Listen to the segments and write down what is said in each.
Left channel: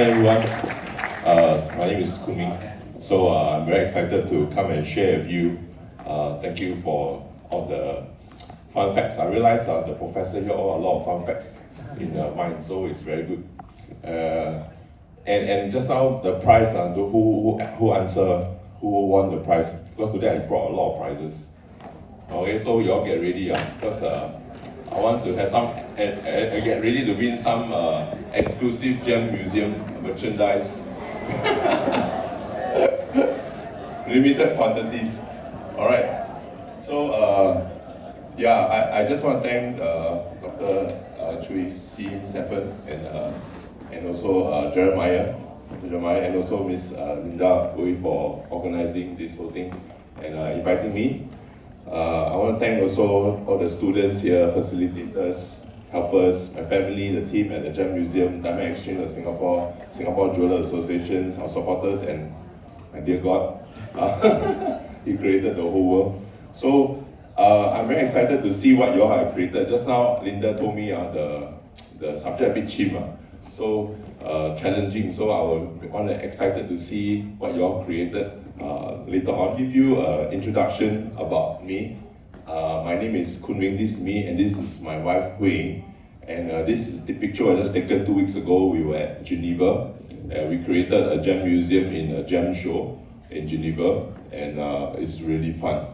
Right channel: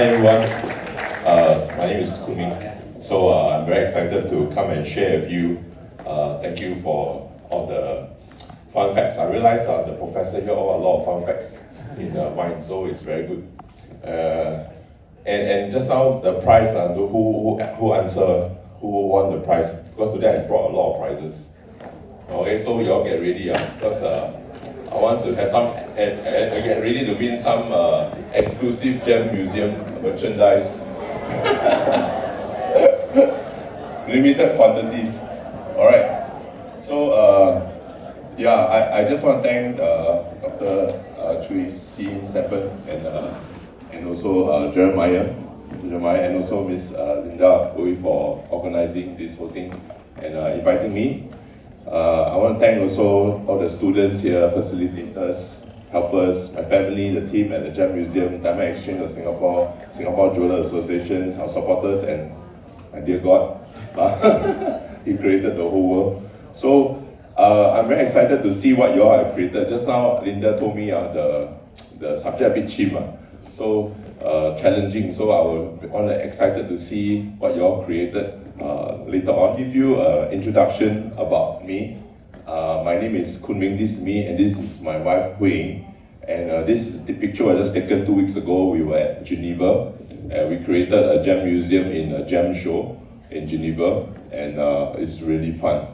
Hi everyone, my name is Kunming. So I'm very excited to come and share with you. Thank you for all the fun facts. I realize the professor here all a lot of fun facts in mind, so it's very good. And just now the prize, who answer, who won the prize? Because today I brought a lot of prizes. Okay, so you all get ready because I want to have some and get ready to win some exclusive Gem Museum merchandise. Limited quantities. Alright. So yeah, I just want to thank Dr. Chui Sin Stephen and also Jeremiah and also Miss Linda Hui for organizing this whole thing and inviting me. I want to thank also all the students here, facilitators, helpers, my family, the team at the Gem Museum, Diamond Exchange of Singapore, Singapore Jeweller Associations, our supporters, and my dear God, He created the whole world. So I'm very excited to see what you all have created. Just now, Linda told me the subject a bit cheap, so challenging. So I will excited to see what you all created. Later on, give you an introduction about me. My name is Kunming, this is me, and this is my wife Hui. And this is the picture I just taken 2 weeks ago. We were at Geneva, and we created a gem museum in a gem show in Geneva, and it's really fun.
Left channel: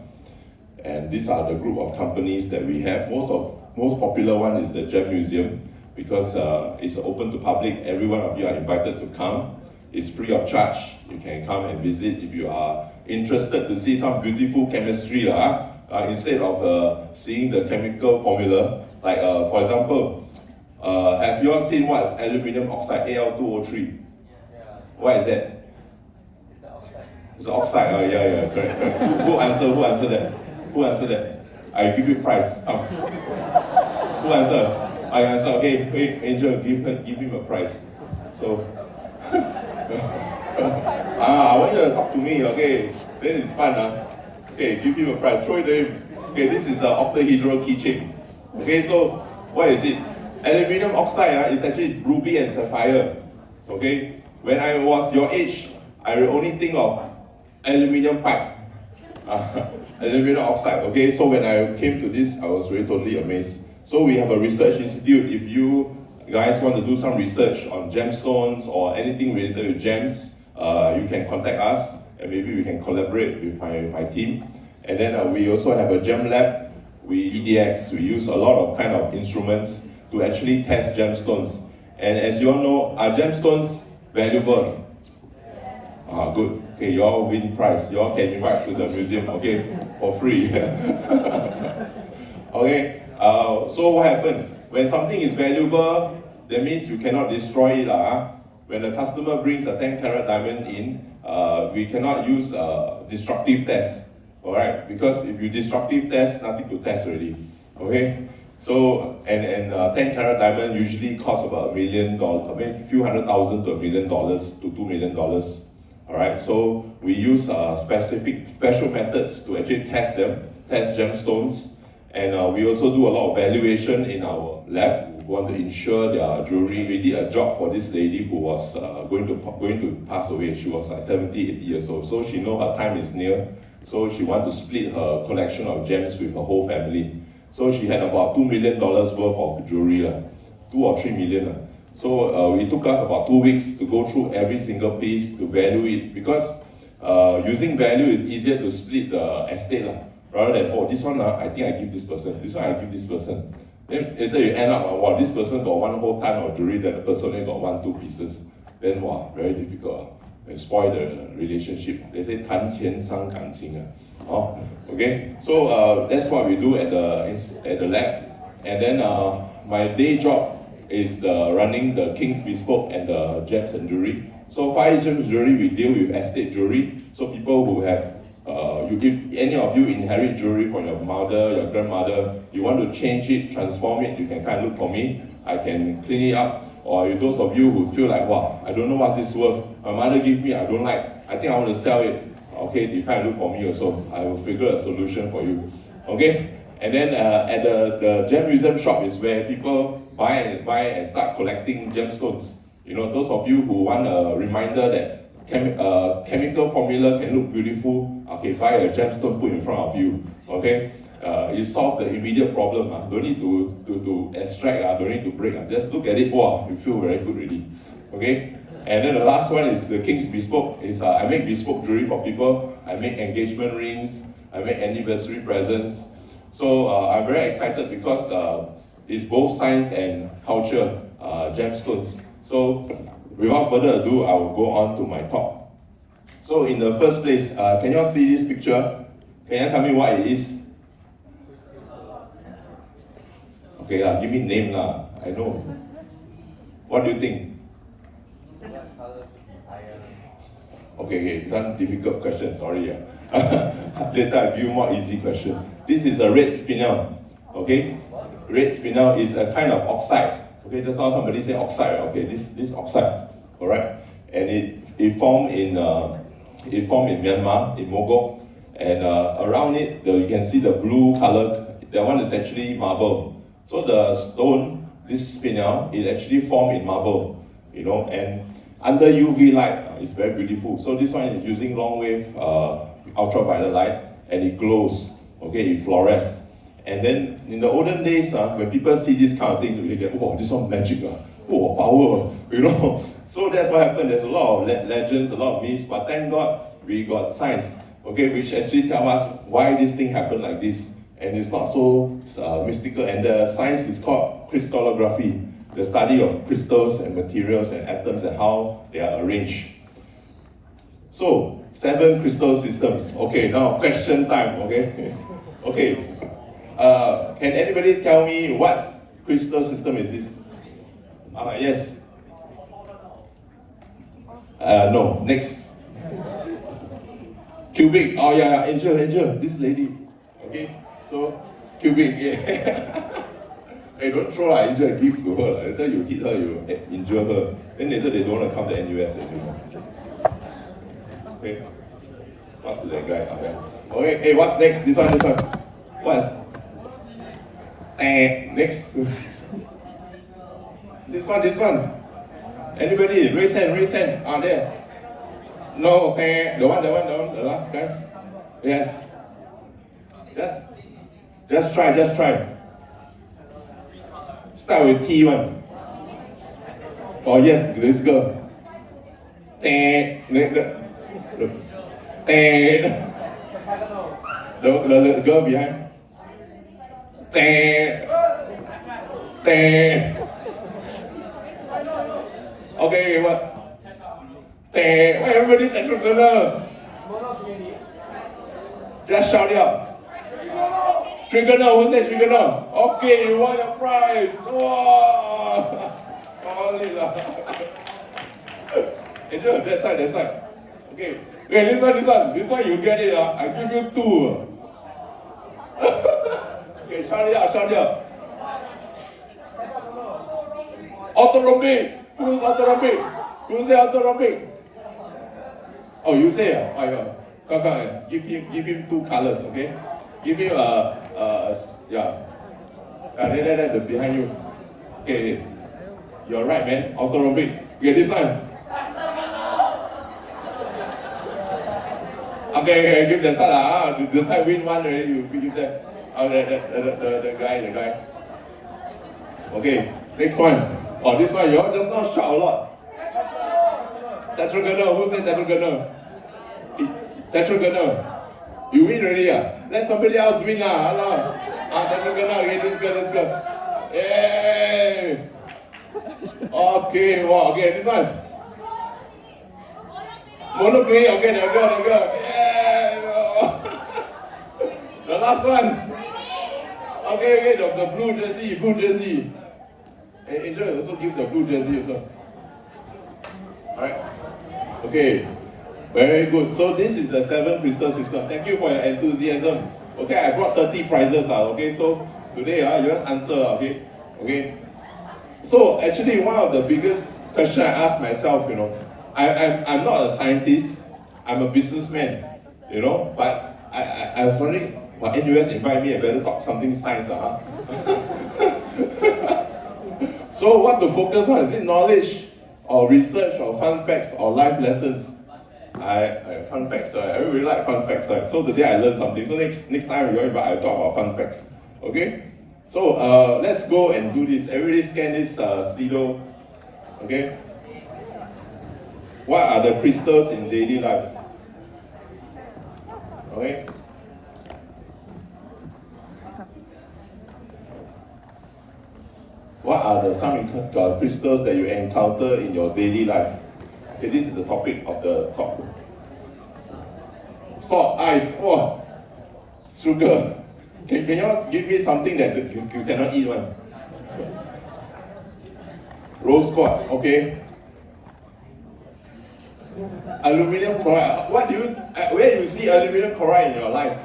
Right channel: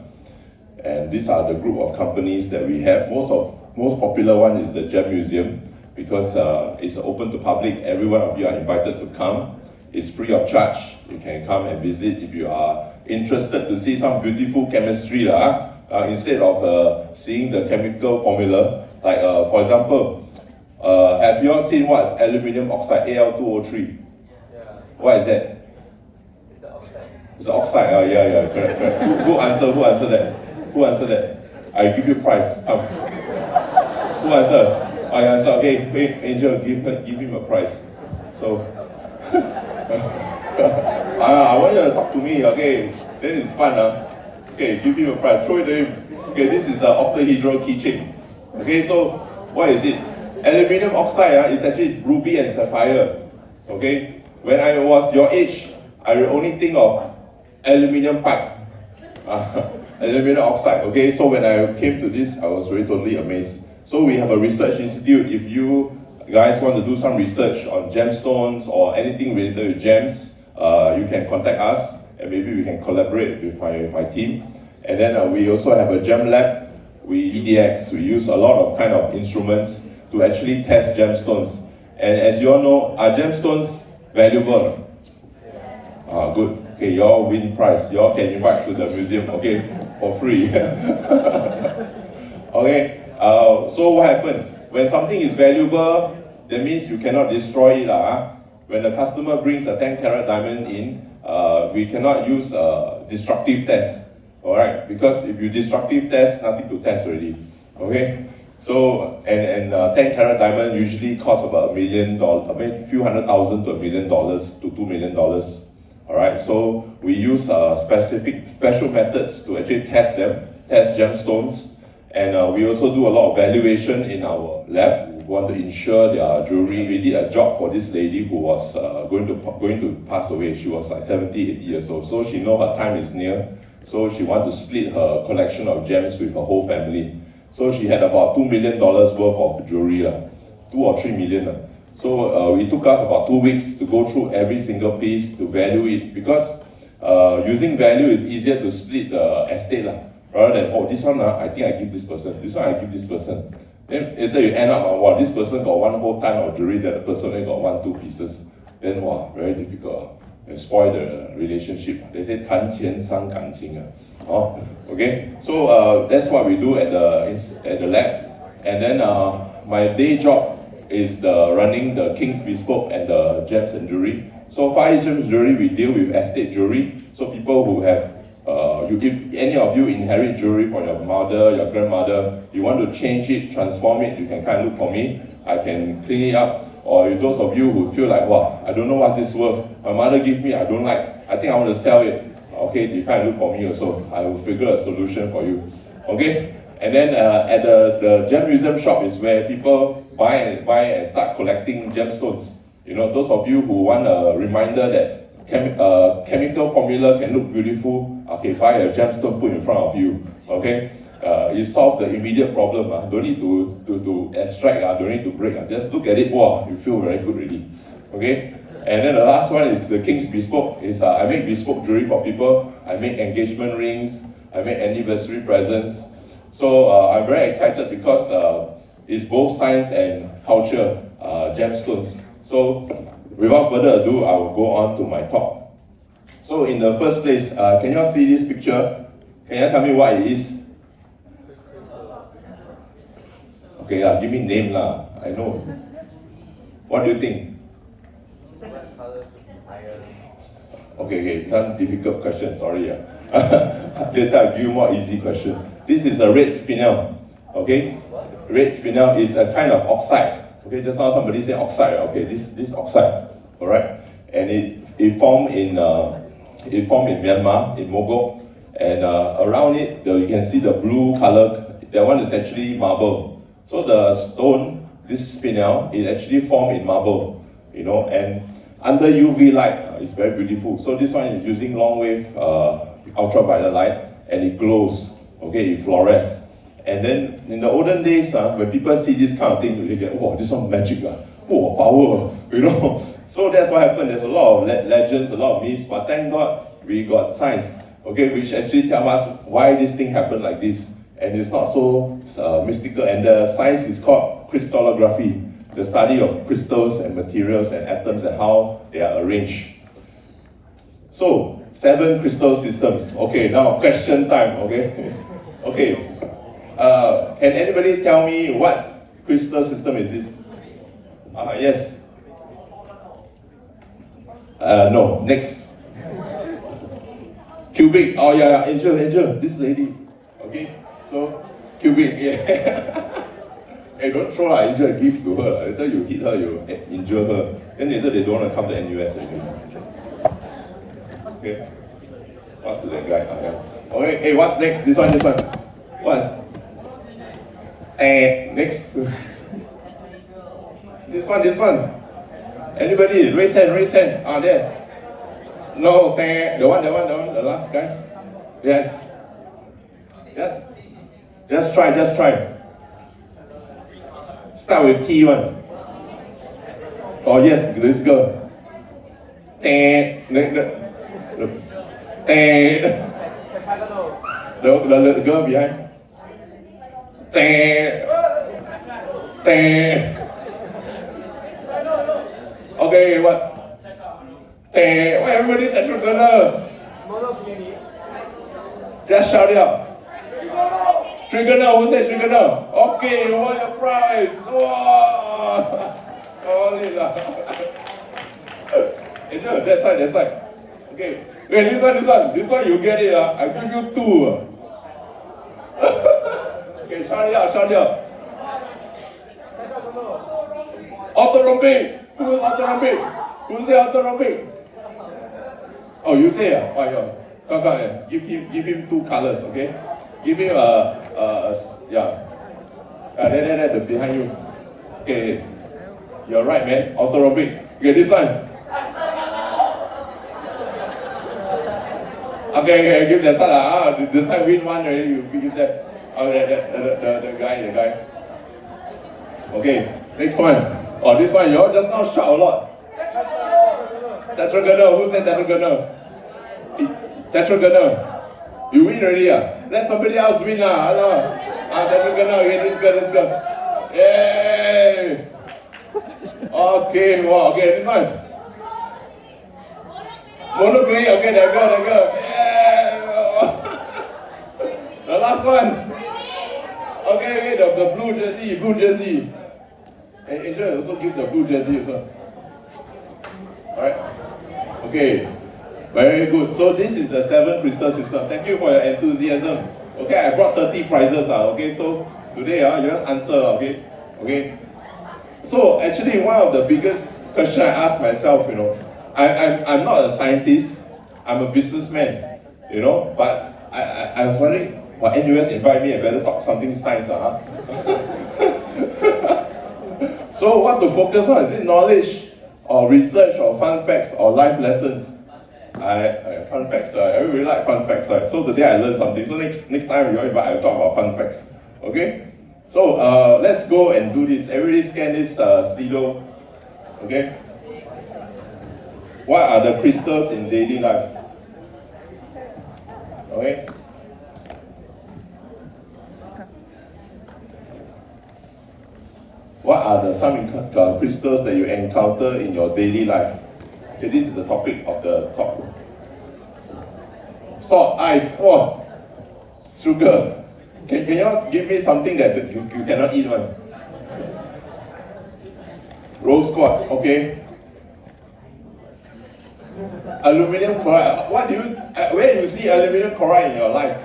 And these are the group of companies that we have. Most popular one is the Gem Museum because it's open to public. Every one of you are invited to come. It's free of charge. You can come and visit if you are interested to see some beautiful chemistry. Instead of seeing the chemical formula, like for example, have you all seen what's aluminium oxide, Al2O3? Yeah. What is that? It's an oxide. It's oxide, yeah, correct. Who answered that? I give you prize. Who answered? I answer. Okay, wait, Angel, give him a prize. So, I want you to talk to me, okay? Then it's fun, Okay, give him a prize. Throw it to him. Okay, this is an octahedral keychain. Okay, so what is it? Aluminium oxide is actually ruby and sapphire. Okay, when I was your age, I will only think of aluminium pipe. Aluminium oxide. Okay, so when I came to this, I was really totally amazed. So we have a research institute. If you guys want to do some research on gemstones or anything related to gems, you can contact us and maybe we can collaborate with my team. And then we also have a gem lab. We EDX, we use a lot of kind of instruments to actually test gemstones. And as you all know, are gemstones valuable? Good. Okay, you all win prize. You all can invite to the museum, okay, for free. Okay, so what happened? When something is valuable, that means you cannot destroy it. When the customer brings a 10-carat diamond in, we cannot use destructive tests. Alright, because if you destructive test, nothing to test already. Okay? So, and 10-carat diamond usually costs about $1 million, I mean, few $100,000 to $1 million to $2 million. Alright, so we use special methods to actually test gemstones. And we also do a lot of valuation in our lab. We want to ensure their jewelry. We did a job for this lady who was going to pass away. She was like 70, 80 years old. So she know her time is near. So she wanted to split her collection of gems with her whole family. So she had about $2 million worth of jewelry, 2 or 3 million. So it took us about 2 weeks to go through every single piece to value it, because using value is easier to split the estate. Rather than, oh, this one, I think I give this person, this one I give this person. Then later you end up, wow, this person got one whole ton of jewelry, the other person only got 1, 2 pieces. Then, wow, very difficult. And spoil the relationship. They say, 谈钱伤感情. Okay, so that's what we do at the lab. And then my day job is running the King's Bespoke and the gems and jewelry. So Far East Gems Jewelry, we deal with estate jewelry. So people who have if any of you inherit jewelry from your mother, your grandmother, you want to change it, transform it, you can kind of look for me. I can clean it up. Or if those of you who feel like, wow, I don't know what's this worth, my mother gave me, I don't like, I think I want to sell it. Okay, you kind of look for me also. I will figure a solution for you. Okay, and then at the Gem Museum shop is where people buy and start collecting gemstones. You know, those of you who want a reminder that chemical formula can look beautiful, okay, buy a gemstone, put in front of you, okay? You solve the immediate problem. Don't need to extract, don't need to break. Just look at it, wow, you feel very good already. Okay? And then the last one is the King's Bespoke. I make bespoke jewelry for people. I make engagement rings. I make anniversary presents. So I'm very excited because it's both science and culture gemstones. So without further ado, I will go on to my talk. So in the first place, can you all see this picture? Can you tell me what it is? Okay, give me name lah. I know. What do you think? Okay, some difficult question, sorry. Later I'll give you more easy question. This is a red spinel, okay? Red spinel is a kind of oxide. Okay, just now somebody said oxide, okay, this oxide, all right? And it formed in Myanmar, in Mogok, and around it, you can see the blue color, that one is actually marble. So the stone, this spinel, it actually formed in marble, you know, and under UV light, it's very beautiful. So this one is using long wave ultraviolet light, and it glows, okay, it fluoresces. And then in the olden days, when people see this kind of thing, they get, oh, this one magic, oh, power, you know. So that's what happened. There's a lot of legends, a lot of myths, but thank God we got science, okay, which actually tell us why this thing happened like this. And it's not so mystical. And the science is called crystallography, the study of crystals and materials and atoms and how they are arranged. So, 7 crystal systems. Okay, now question time, okay? Okay, can anybody tell me what crystal system is this? Yes. No, next. Cubic, oh yeah, Angel, this lady, okay? So, cubic, yeah. Hey, don't throw an Angel gift to her. Later you hit her, you injure her. Then later they don't want to come to NUS anymore. Okay. What's to that guy? Okay, hey, what's next? This one. What's? Next. This one. Anybody? Raise hand. There. No, the one, the last guy. Yes. Just try. Start with T one. Oh yes, this girl. The girl behind. Okay, what? Why everybody tetragonal? Just shout it out. Trigonal, who says trigonal? Okay, you won your prize. Wow. Solid lah. Angel, that side. Okay. Wait, this one you get it. I give you 2. Okay, shout it out. Orthorhombic. Who's orthorhombic? Who say orthorhombic? Oh, you say Come, give him 2 colors, okay? Give him yeah. There, behind you. Okay, you're right, man. Orthorhombic. Okay, this one. Okay, give that side. This side win 1 already. You give that. The guy. Okay, next one. Oh, this one. You all just now shout a lot. Tetragonal. Who said tetragonal? Tetragonal. You win already. Let somebody else win lah. Tetragonal. Okay, this girl. Yay. Okay, wow. Okay, this one. Monochrome. Okay, the girl. Yeah. The last one. Okay, the blue jersey. And Angel also give the blue jersey also. Alright. Okay. Very good. So this is the 7 crystal system. Thank you for your enthusiasm. Okay, I brought 30 prizes. Okay, so today you just answer. Okay. So actually, one of the biggest questions I ask myself, I'm not a scientist. I'm a businessman. But I was wondering, NUS invite me, I better talk something science. So what to focus on? Is it knowledge or research or fun facts or life lessons. Fun facts, right? I really like fun facts, right? So today I learned something. So next time you invite, I'll talk about fun facts. Okay? So let's go and do this. Everybody scan this Slido. Okay? What are the crystals in daily life? Okay? What are some crystals that you encounter in your daily life? Okay, this is the topic of the talk. Salt, ice, oh, sugar. Can you all give me something that you cannot eat one? Rose quartz, okay. Aluminum chloride. Where do you see aluminum chloride in your life?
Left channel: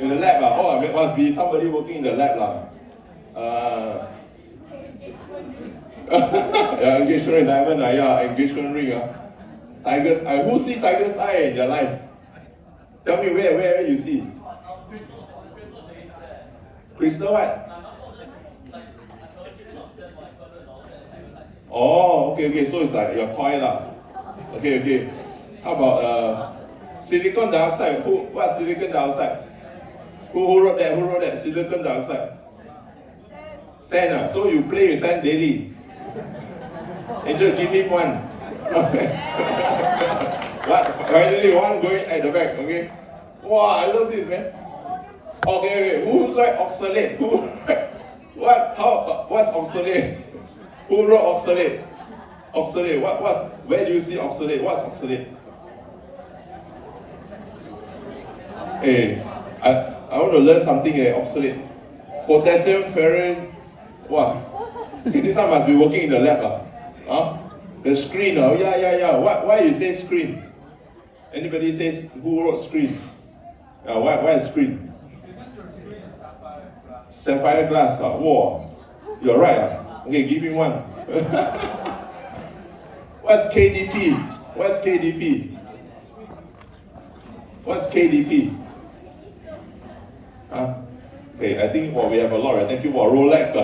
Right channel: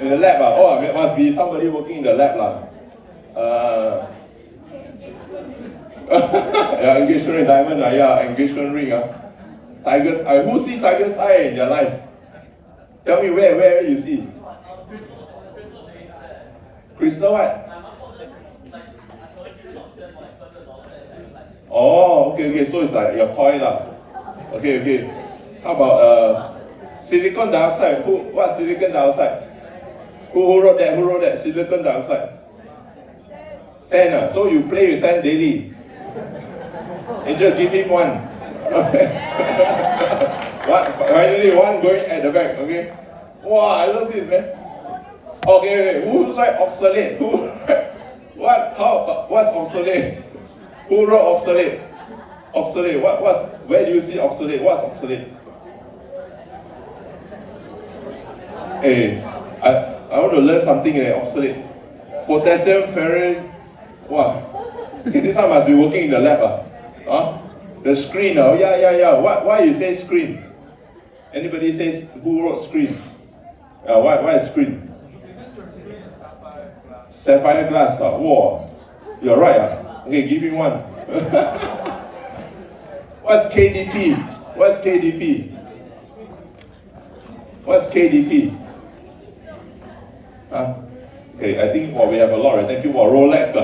In the lab, oh, it must be somebody working in the lab, yeah, engagement ring, diamond, yeah, engagement ring, tiger's eye. Who see tiger's eye in their life? Tell me where you see. Crystal what? Oh, okay, so it's like your toy lah. Okay. How about silicon dioxide? What's silicon dioxide? Who wrote that? Silicon dioxide. Sand. So you play with sand daily. Angel, give him one. Finally, one going at the back. Okay. Wow, I love this, man. Okay. Who's right? Obsolete. What? What's obsolete? Who wrote obsolete? Obsolete. Where do you see obsolete? What's obsolete? Hey, I want to learn something. Obsolete. Potassium ferrite. Wow. Okay, this one must be working in the lab. The screen. Yeah. Why you say screen? Anybody says who wrote screen? Why is screen? Sapphire glass. Wow. You're right. Okay, give me one. What's KDP? What's KDP? Okay, I think we have a lot. Thank you for Rolex.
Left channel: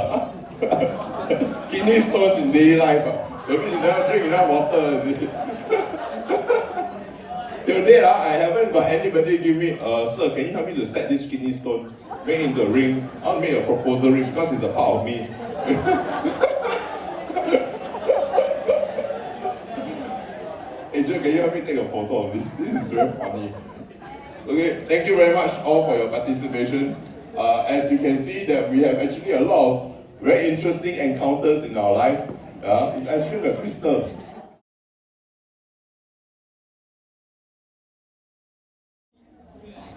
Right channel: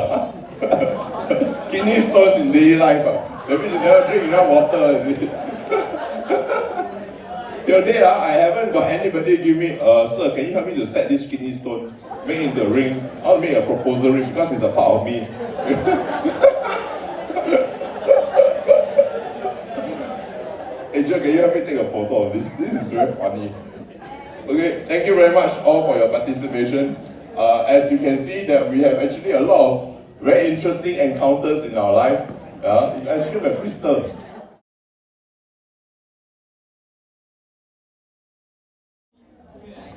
Kidney stones in daily life. That means you never drink enough water. Till date, I haven't got anybody give me, sir, can you help me to set this kidney stone, make it into a ring? I'll make a proposal ring because it's a part of me. Angel, can you help me take a photo of this? This is very funny. Okay, thank you very much all for your participation. As you can see that we have actually a lot of very interesting encounters in our life. It's actually a crystal.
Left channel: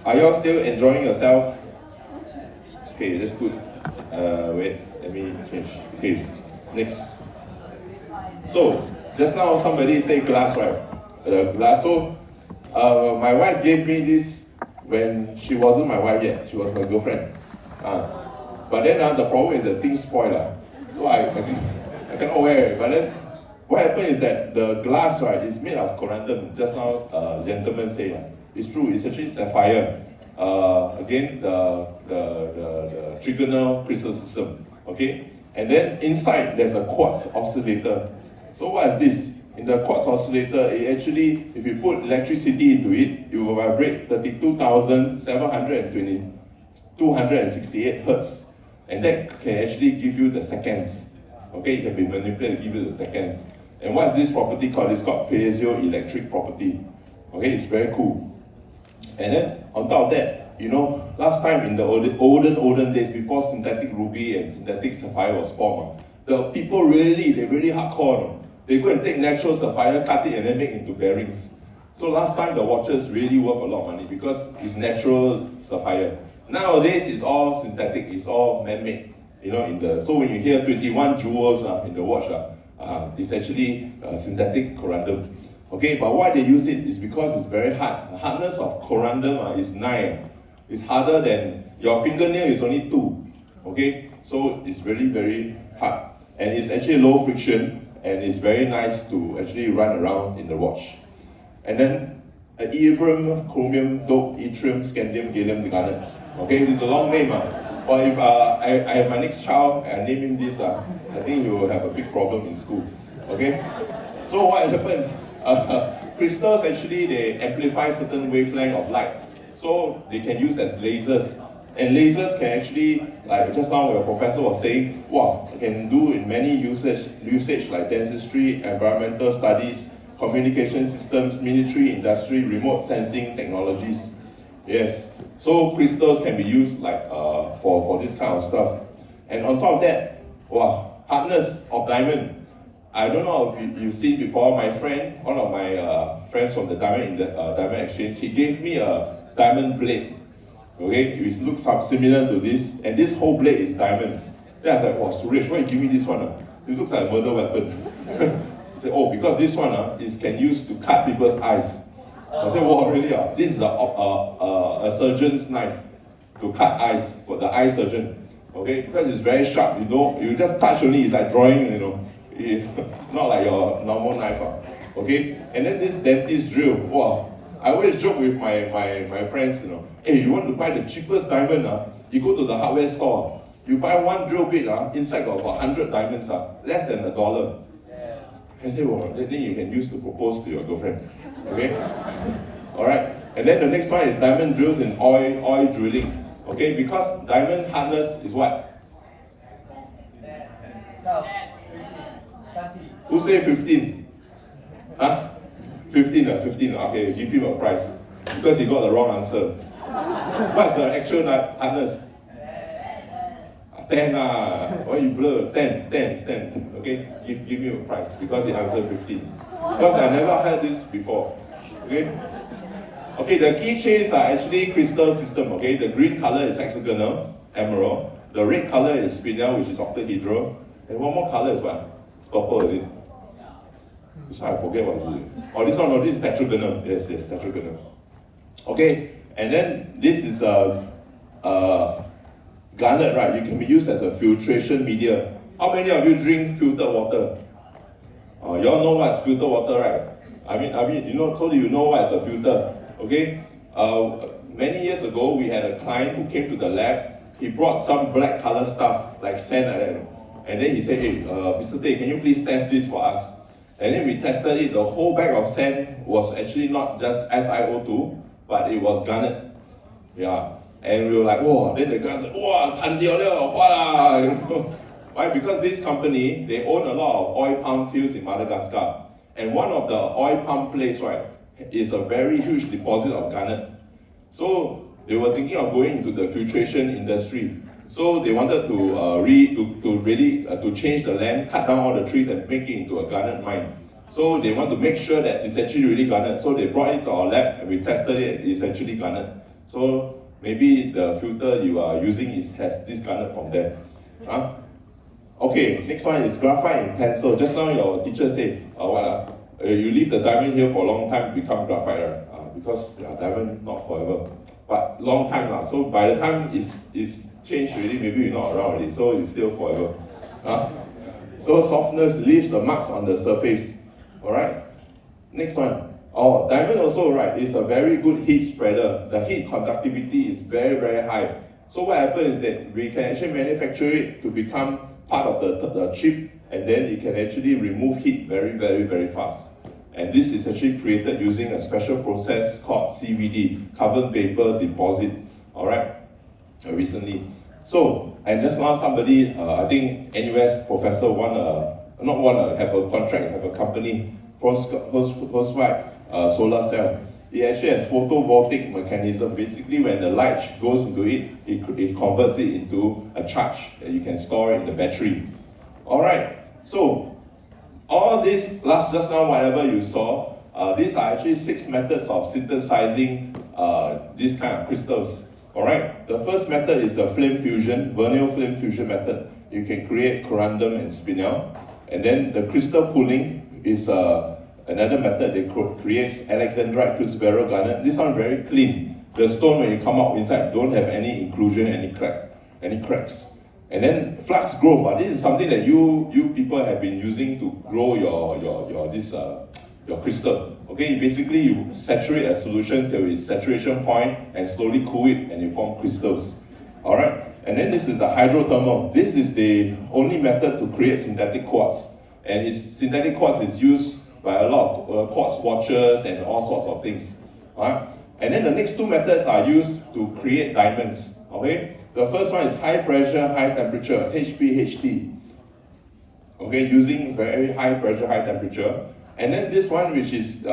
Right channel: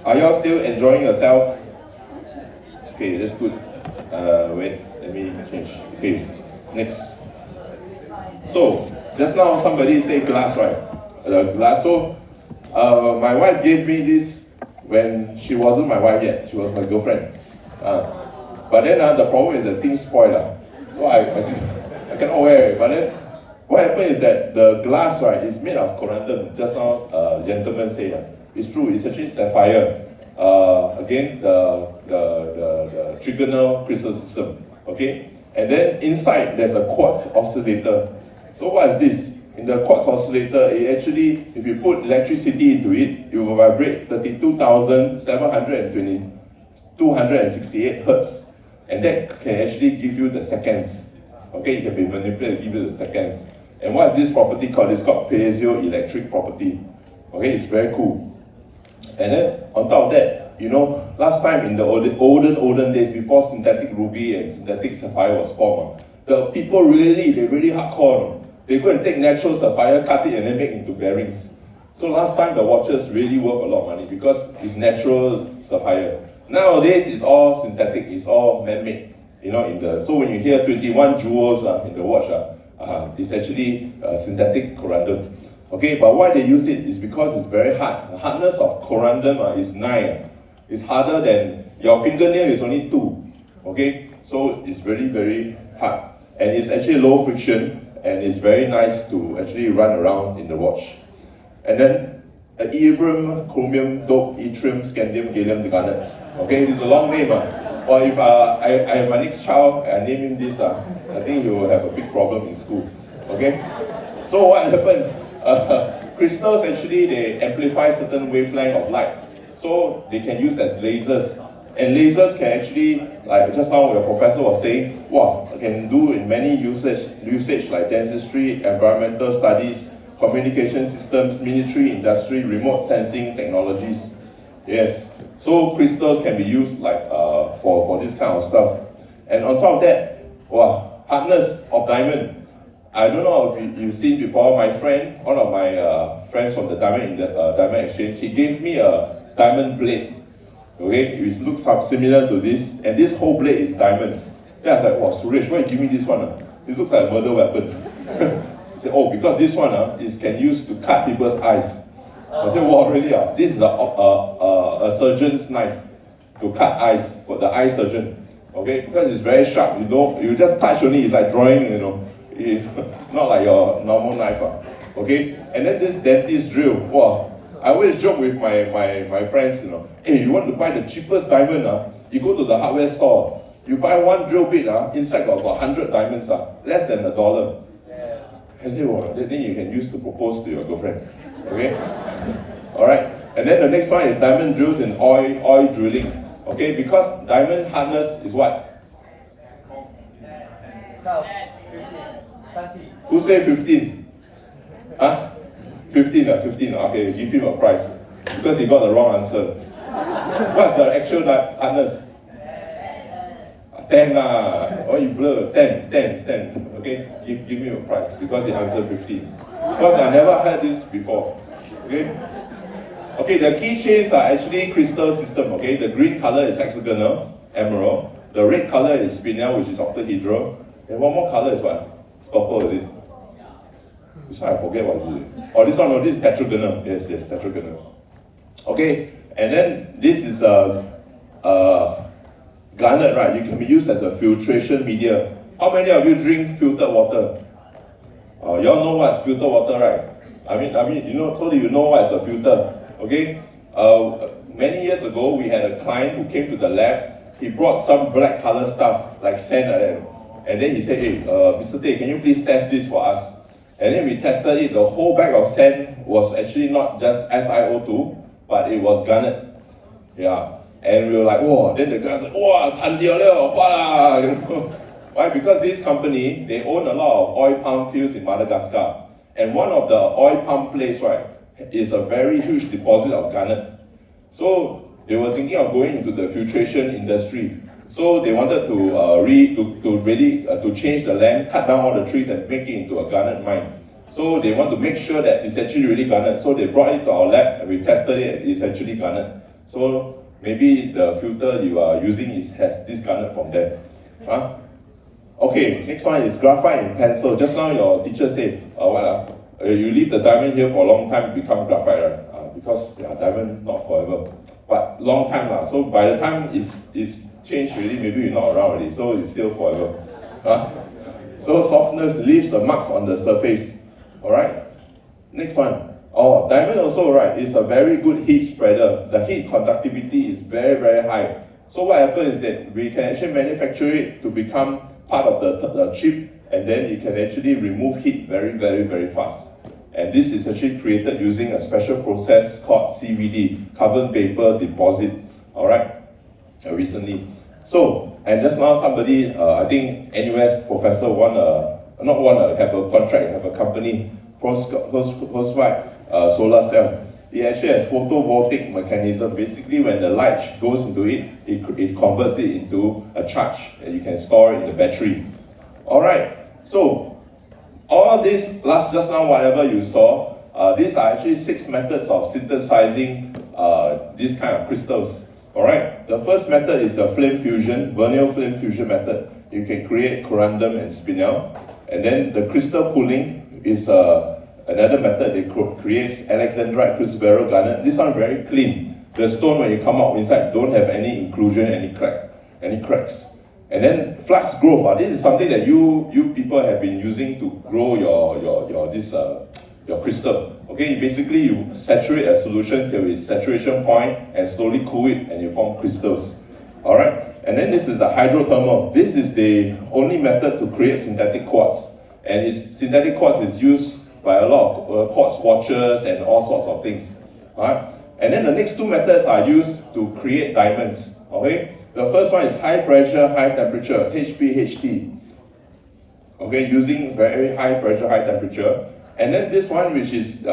Are you all still enjoying yourself? Okay, that's good. Wait, let me change. Okay, next. So, just now somebody said glass, right? Glass. So, my wife gave me this when she wasn't my wife yet. She was my girlfriend. But then the problem is that things spoil. So I cannot wear it. But then what happened is that the glass, right, is made of corundum. Just now, gentleman said, it's true. It's actually sapphire. Again, the trigonal crystal system. Okay, and then inside there's a quartz oscillator. So what is this? In the quartz oscillator, it actually, if you put electricity into it, it will vibrate 32,768 hertz. And that can actually give you the seconds. Okay, it can be manipulated to give you the seconds. And what is this property called? It's called piezoelectric property. Okay, it's very cool. And then on top of that, you know, last time in the olden days, before synthetic ruby and synthetic sapphire was formed, the people really hardcore. They go and take natural sapphire, cut it, and then make into bearings. So last time the watches really worth a lot of money because it's natural sapphire. Nowadays it's all synthetic, it's all man-made. You know, so when you hear 21 jewels in the watch, it's actually synthetic corundum. Okay, but why they use it is because it's very hard. The hardness of corundum is 9. It's harder than your fingernail is only 2. Okay, so it's very, very hard. And it's actually low friction and it's very nice to actually run around in the watch. And then Ibram, chromium, dope, yttrium, scandium, gallium, garnet. Okay, it's a long name. Or if I have my next child, I name him this, I think he will have a big problem in school. Okay? So what happened? Crystals actually, they amplify certain wavelength of light. So they can use as lasers. And lasers can actually, like just now your professor was saying, wow, can do in many usage like dentistry, environmental studies, communication systems, military, industry, remote sensing technologies. Yes, so crystals can be used like for this kind of stuff. And on top of that, wow, hardness of diamond. I don't know if you've seen before, my friend, one of my friends from the diamond exchange, he gave me a diamond blade. Okay, it looks similar to this, and this whole blade is diamond. Then I was like, wow, Suresh, why you give me this one? It looks like a murder weapon. He said, oh, because this one is can use to cut people's eyes. I said, wow, really? This is a surgeon's knife to cut eyes for the eye surgeon. Okay, because it's very sharp. You just touch only, it's like drawing, not like your normal knife. Okay, and then this dentist drill. Wow, I always joke with my friends, hey, you want to buy the cheapest diamond? You go to the hardware store, you buy one drill bit, inside got about 100 diamonds, less than $1. I say, well, then you can use to propose to your girlfriend. Okay? Alright. And then the next one is diamond drills in oil drilling. Okay, because diamond hardness is what? Who say 15? Huh? 15, 15. Okay, give him a prize. Because he got the wrong answer. What's the actual hardness? 10 oh, you blur. 10. Okay, give me a prize because he answered 15. Because I never heard this before. Okay. Okay, the keychains are actually crystal system. Okay, the green color is hexagonal, emerald. The red color is spinel, which is octahedral. And one more color is what? It's purple, is it? This one I forget what is it. Oh, this one, no, this is tetragonal. Yes, tetragonal. Okay, and then this is garnet, right? You can be used as a filtration media. How many of you drink filtered water? You all know what's filtered water, right? I mean, so you know what's a filter. Okay, many years ago we had a client who came to the lab. He brought some black color stuff like sand like that, and then he said, "Hey, Mr. Tay, can you please test this for us?" And then we tested it. The whole bag of sand was actually not just SiO2, but it was garnet. Yeah, and we were like, "Whoa!" Then the guy said, "Wow, tan掉了，what lah?" Why? Because this company, they own a lot of oil palm fields in Madagascar, and one of the oil palm place, right, is a very huge deposit of garnet. So they were thinking of going into the filtration industry. So they wanted to change the land, cut down all the trees and make it into a garnet mine. So they want to make sure that it's actually really garnet. So they brought it to our lab and we tested it, it's actually garnet. So maybe the filter you are using has this garnet from there. Okay, next one is graphite in pencil. Just now your teacher said, you leave the diamond here for a long time, become graphite, right? Because diamond not forever, but long time. So by the time it's changed already, maybe you're not around already, so it's still forever. So softness leaves the marks on the surface. Alright, next one. Diamond also, right, is a very good heat spreader. The heat conductivity is very, very high. So what happens is that we can actually manufacture it to become part of the chip, and then it can actually remove heat very, very, very fast. And this is actually created using a special process called CVD, carbon vapor deposit, alright, recently. So, and just now somebody, I think NUS professor have a contract, have a company, Postwide solar cell. It actually has photovoltaic mechanism. Basically, when the light goes into it, it converts it into a charge, and you can store it in the battery. Alright, so all this just now, whatever you saw, these are actually 6 methods of synthesizing these kind of crystals. Alright, the first method is the flame fusion, vernal flame fusion method. You can create corundum and spinel. And then the crystal pulling is another method that creates alexandrite, cruciferal garnet. This one very clean. The stone, when you come out inside, don't have any inclusion, any cracks. And then flux growth. This is something that you people have been using to grow your crystal. Okay, basically you saturate a solution till its saturation point and slowly cool it and you form crystals. Alright, and then this is the hydrothermal. This is the only method to create synthetic quartz. And synthetic quartz is used by a lot of quartz watches and all sorts of things. Right? And then the next two methods are used to create diamonds. Okay, the first one is high pressure, high temperature, HPHT. Okay, using very high pressure, high temperature. And then this one, which is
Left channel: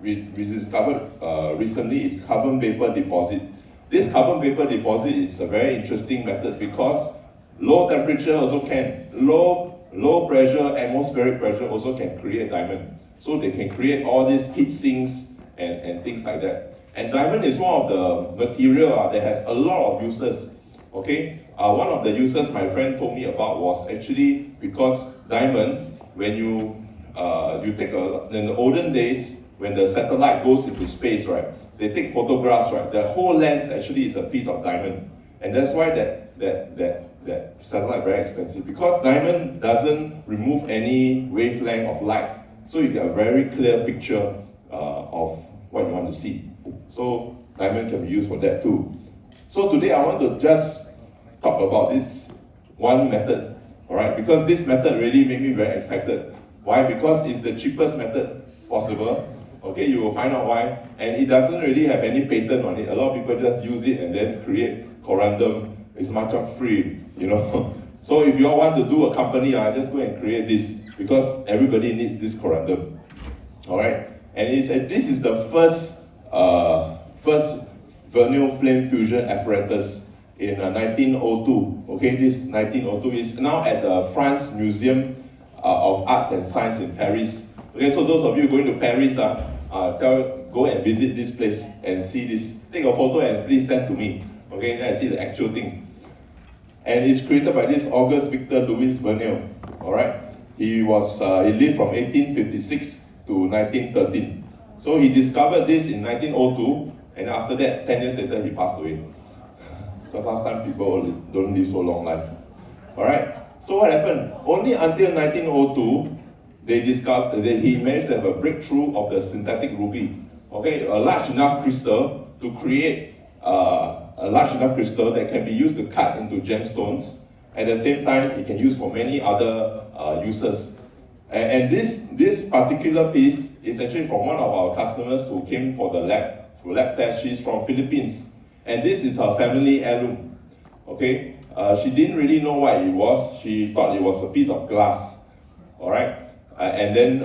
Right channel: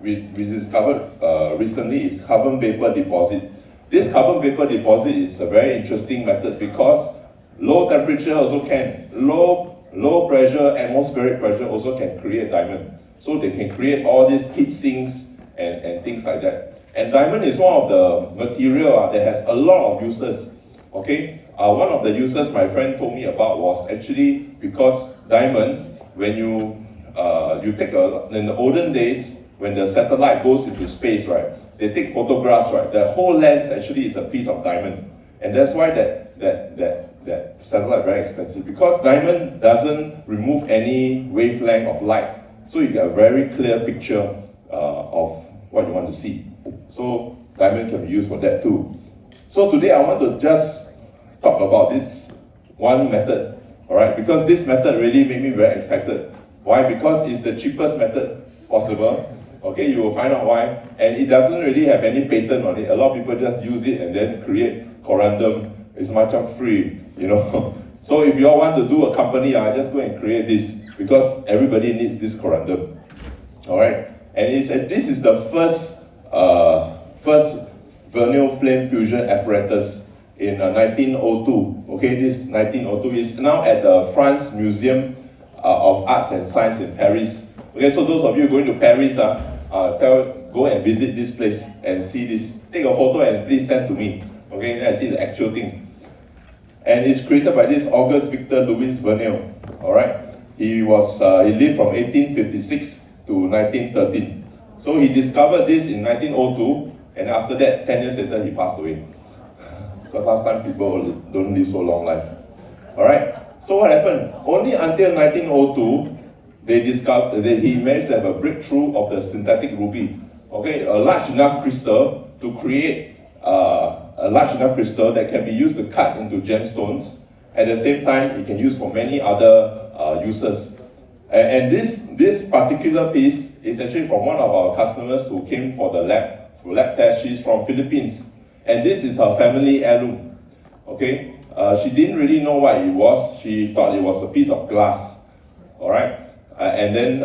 we discovered recently, is carbon vapor deposit. This carbon vapor deposit is a very interesting method because low temperature also can, low pressure, atmospheric pressure also can create diamond. So they can create all these heat sinks and things like that. And diamond is one of the material that has a lot of uses. Okay, one of the uses my friend told me about was actually because diamond, when you take in the olden days, when the satellite goes into space, right, they take photographs, right, the whole lens actually is a piece of diamond. And that's why that satellite very expensive, because diamond doesn't remove any wavelength of light. So you get a very clear picture of what you want to see. So diamond can be used for that too. So today I want to just talk about this one method, all right? Because this method really made me very excited. Why? Because it's the cheapest method possible. Okay, you will find out why. And it doesn't really have any patent on it. A lot of people just use it and then create corundum. It's much free, you know. So if you all want to do a company, just go and create this because everybody needs this corundum. All right, and this is the first vernal flame fusion apparatus in 1902. Okay, this 1902 is now at the France Museum of Arts and Science in Paris. Okay, so those of you going to Paris, go and visit this place and see this. Take a photo and please send to me. Okay, then I see the actual thing. And it's created by this Auguste Victor Louis Vernal. All right, he lived from 1856 to 1913. So he discovered this in 1902, and after that, 10 years later, he passed away. Because last time people don't live so long life. All right. So what happened? Only until 1902, he managed to have a breakthrough of the synthetic ruby. Okay, a large enough crystal to create a large enough crystal that can be used to cut into gemstones. At the same time, it can use for many other uses. And this particular piece is actually from one of our customers who came for the lab test. She's from Philippines, and this is her family heirloom. Okay, she didn't really know what it was. She thought it was a piece of glass. All right, and then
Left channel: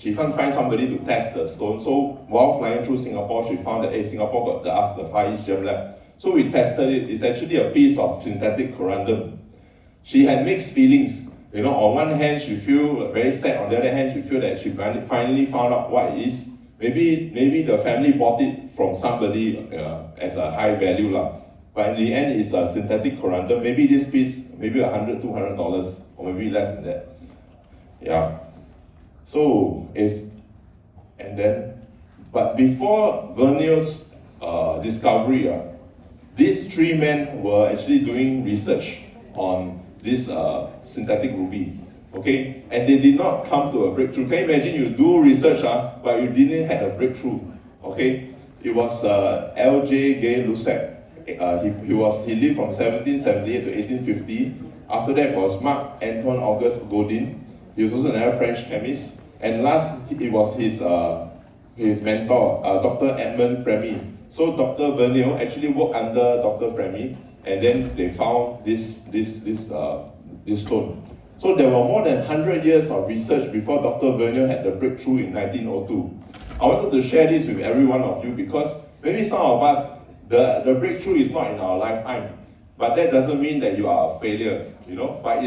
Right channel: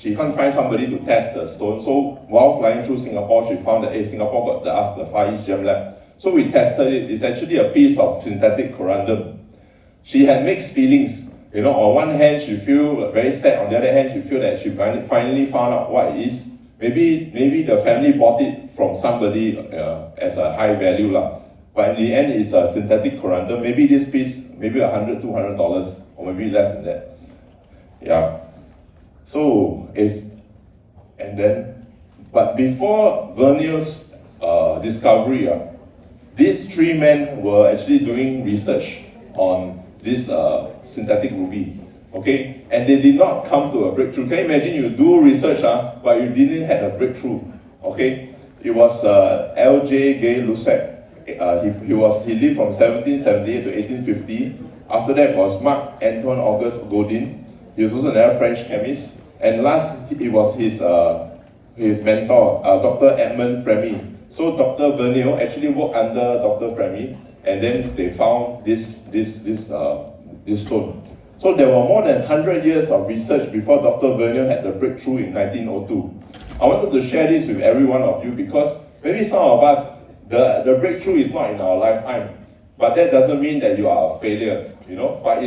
she can't find somebody to test the stone. So while flying through Singapore, she found that Singapore got the Far East Gem Lab. So we tested it. It's actually a piece of synthetic corundum. She had mixed feelings. You know, on one hand, she feel very sad. On the other hand, she feel that she finally found out what it is. Maybe the family bought it from somebody as a high value lah. But in the end, it's a synthetic corundum. Maybe this piece, maybe $100, $200, or maybe less than that. Yeah. So but before Vernal's discovery, these three men were actually doing research on this synthetic ruby. Okay, and they did not come to a breakthrough. Can you imagine you do research, but you didn't have a breakthrough? Okay, it was L.J. Gay Lussac. He lived from 1778 to 1850. After that was Marc Antoine Auguste Godin. He was also another French chemist. And last, it was his mentor, Dr. Edmond Fremy. So Dr. Vernal actually worked under Dr. Fremy, and then they found this stone. So there were more than 100 years of research before Dr. Vernal had the breakthrough in 1902. I wanted to share this with every one of you because maybe some of us, the breakthrough is not in our lifetime, but that doesn't mean that you are a failure, you know. But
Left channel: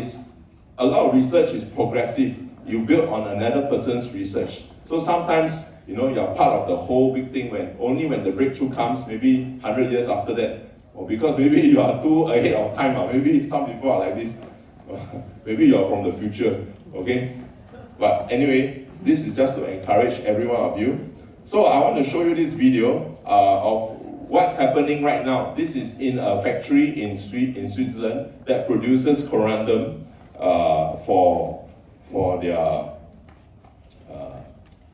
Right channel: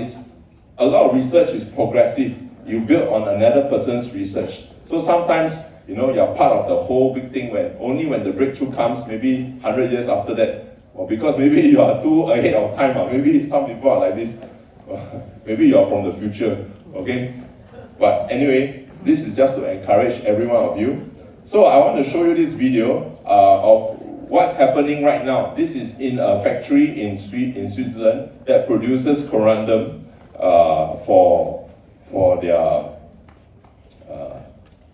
a lot of research is progressive. You build on another person's research. So sometimes, you know, you're part of the whole big thing only when the breakthrough comes, maybe 100 years after that, or because maybe you are too ahead of time, or maybe some people are like this. Maybe you are from the future, okay? But anyway, this is just to encourage every one of you. So I want to show you this video of what's happening right now. This is in a factory in Switzerland that produces corundum for their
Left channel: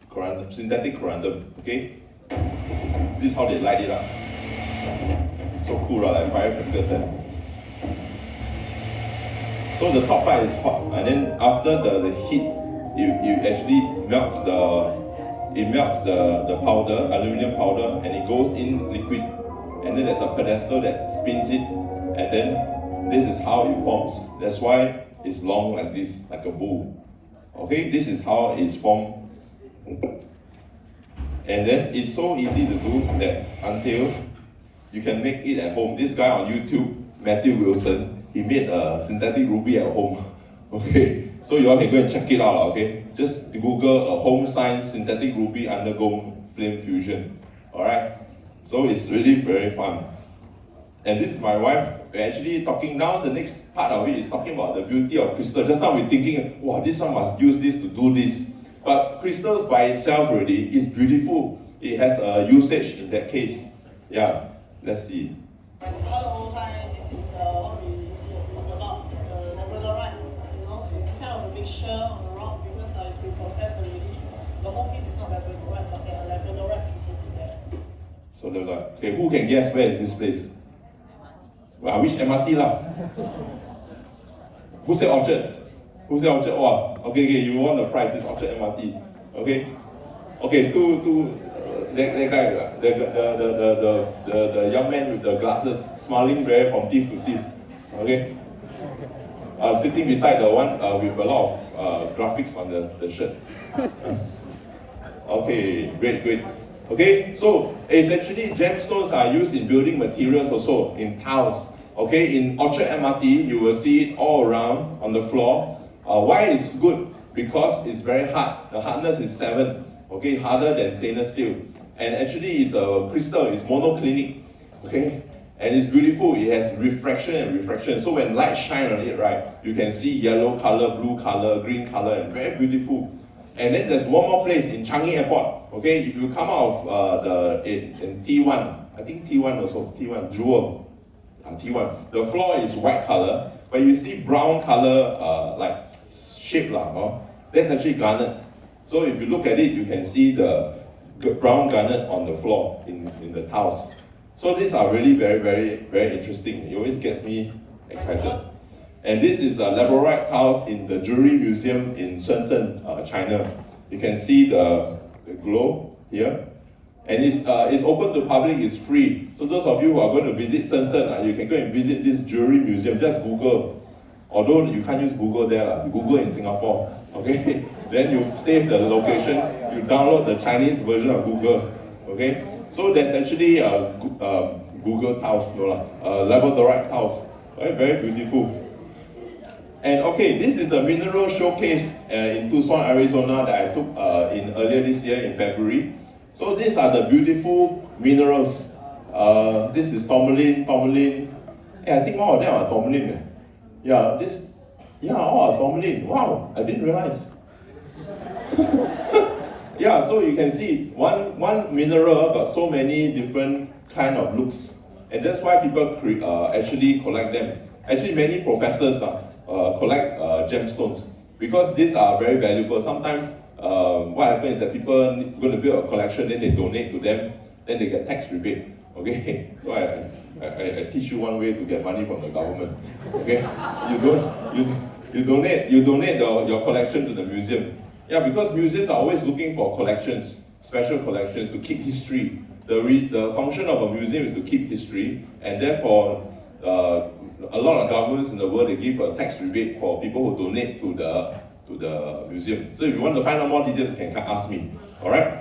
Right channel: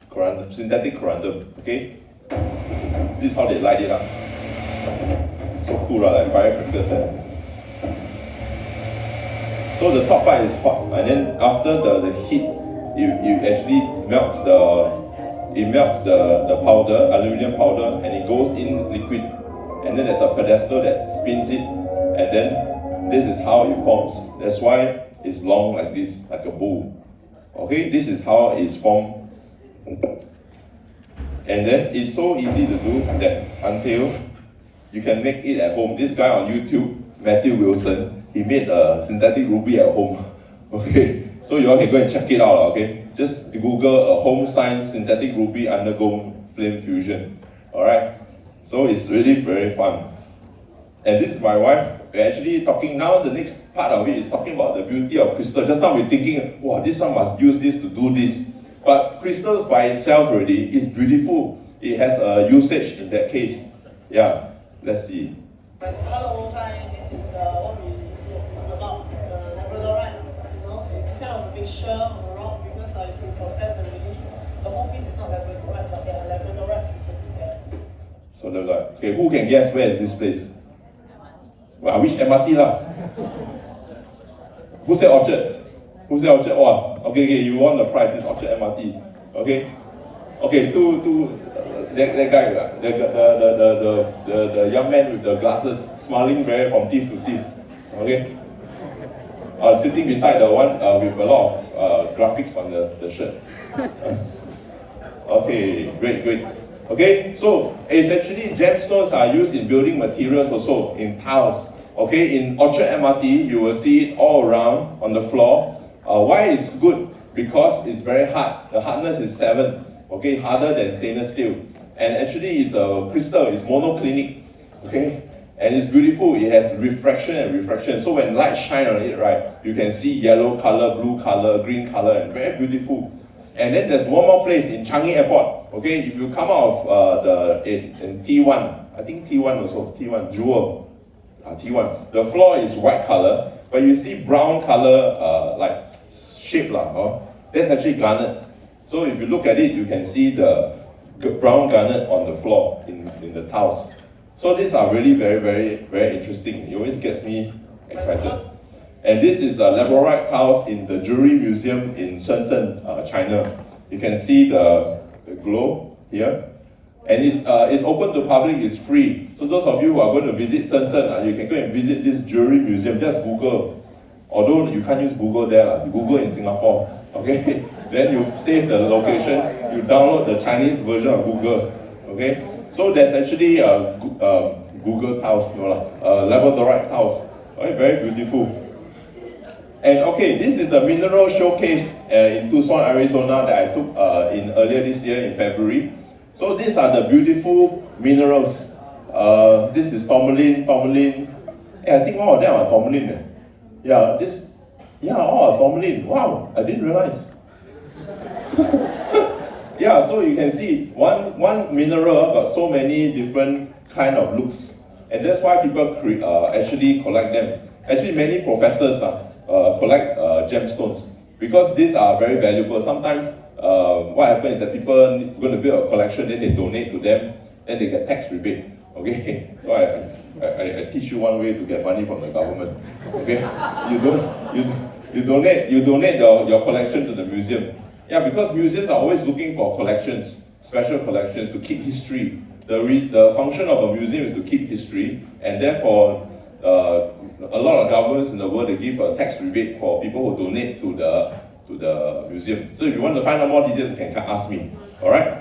corundum, synthetic corundum, okay? This is how they light it up. So cool, like firecrackers. So the top part is hot, and then after the heat, you actually melts the powder, aluminum powder, and it goes in liquid. And then there's a pedestal that spins it, and then this is how it forms. That's why it's long like this, like a bowl. Okay, this is how it's formed. And then it's so easy to do that until you can make it at home. This guy on YouTube, Matthew Wilson, he made a synthetic ruby at home. Okay, so you all can go and check it out. Okay, just Google a home science synthetic ruby undergo flame fusion. All right, so it's really very fun. And this is my wife. We're actually talking now. The next part of it is talking about the beauty of crystal. Just now we're thinking, wow, this one must use this to do this. But crystals by itself already is beautiful. It has a usage in that case. Yeah, let's see. Hello, hi. This is what we talk about labradorite. You know, it's kind of a mixture on the rock because it's been processed already. The whole piece is not labradorite, but there are labradorite pieces in there. So okay, who can guess where is this place? Well, which MRT lah? Who said Orchard? Who said Orchard? Oh, okay, you won the prize. It's Orchard MRT. Okay, that guy, the young man with the glasses, smiling very from teeth to teeth. Okay, sitting beside the one with a lot of graphics on the shirt. Okay, great. Okay, so it's actually gemstones are used in building materials also, in tiles. Okay, in Orchard MRT, you will see it all around on the floor. Why it's good? Because it's very hard. The hardness is 7. Okay, harder than stainless steel. And actually it's a crystal, it's monoclinic. Okay, and it's beautiful. It has refraction and refraction. So when light shine on it, right, you can see yellow color, blue color, green color, and very beautiful. And then there's one more place in Changi Airport. Okay, if you come out of in T1, I think T1 also, T1 Jewel, T1. The floor is white color, but you see brown color like shape lah. That's actually garnet. So if you look at it, you can see the brown garnet on the floor in the tiles. So these are really very interesting. It always gets me excited. And this is labradorite tiles in the Jewelry Museum in Shenzhen, China. You can see the glow here. And it's open to public, it's free. So those of you who are going to visit Shenzhen, you can go and visit this Jewelry Museum. Just Google. Although you can't use Google there, Google in Singapore. Okay? Then you save the location, you download the Chinese version of Google. Okay? So there's actually Google tiles, labradorite tiles. Okay, very beautiful. And okay, this is a mineral showcase in Tucson, Arizona that I took in earlier this year in February. So these are the beautiful minerals. This is tourmaline. I think one of them are tourmaline. All are tourmaline. Wow, I didn't realize. Yeah, so you can see one mineral got so many different kind of looks, and that's why people actually collect them. Actually, many professors collect gemstones because these are very valuable. Sometimes what happens is that people are going to build a collection, then they donate to them, then they get tax rebate. Okay, so I teach you one way to get money from the government. Okay, you donate your collection to the museum. Yeah, because museums are always looking for collections, special collections to keep history. The function of a museum is to keep history, and therefore a lot of governments in the world, they give a tax rebate for people who donate to the museum. So if you want to find out more details, you can ask me. All right?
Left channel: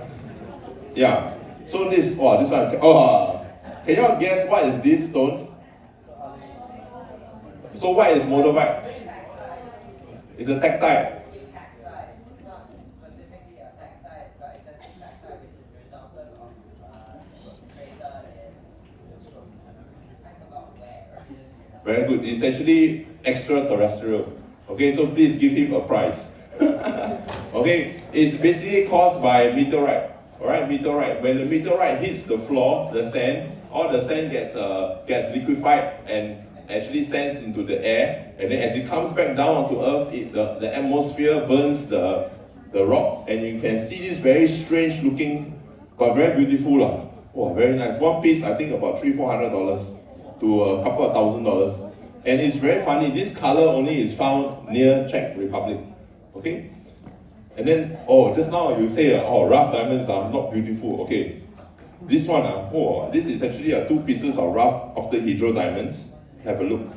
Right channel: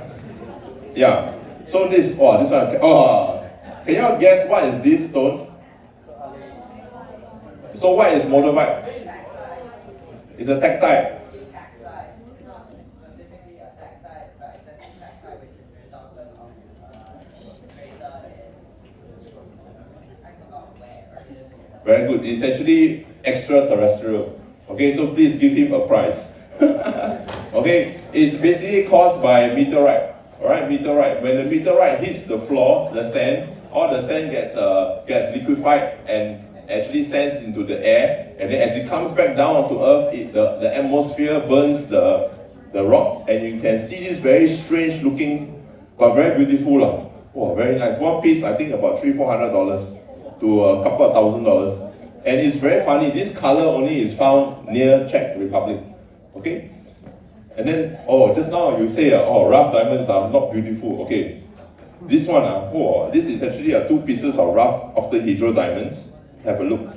Yeah. So this one. Can you all guess what is this stone? So what is moldavite? It's a tactile. Very good. It's actually extraterrestrial. Okay, so please give him a prize. Okay, it's basically caused by meteorite. Alright, meteorite. When the meteorite hits the floor, the sand, all the sand gets liquefied and actually sends into the air. And then as it comes back down onto Earth, the atmosphere burns the rock, and you can see this very strange looking, but very beautiful. Oh, very nice. One piece, I think about $300-400 to a couple of $1,000. And it's very funny, this color only is found near Czech Republic. Okay? And then, oh, just now you say, oh, rough diamonds are not beautiful. Okay, this one, oh, this is actually 2 pieces of rough octahedral diamonds. Have a look.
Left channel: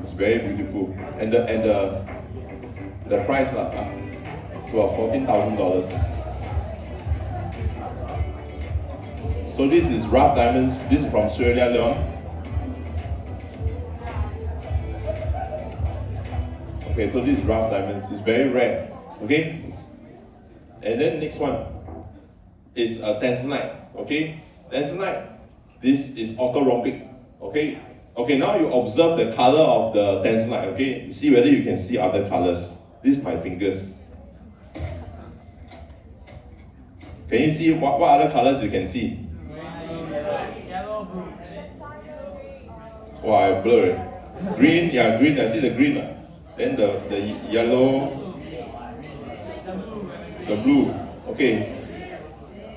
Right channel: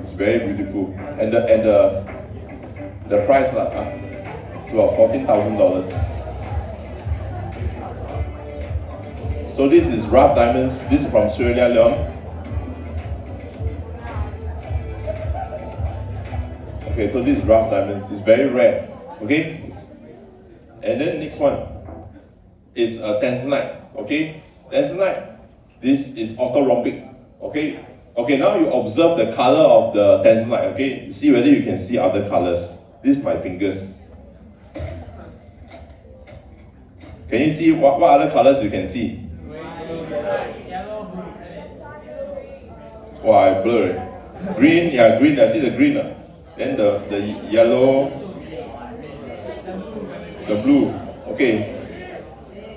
It's very beautiful. And the price, it's about $14,000. So this is rough diamonds. This is from Sierra Leone. Okay, so this is rough diamonds. It's very rare. Okay, and then next one is tanzanite. Okay, tanzanite. This is orthorhombic. Okay, okay. Now you observe the color of the tanzanite. Okay, see whether you can see other colors. This is my fingers. Can you see what other colors you can see? Wow, I blur. Green, yeah, green. I see the green. Then the yellow, the blue. Okay.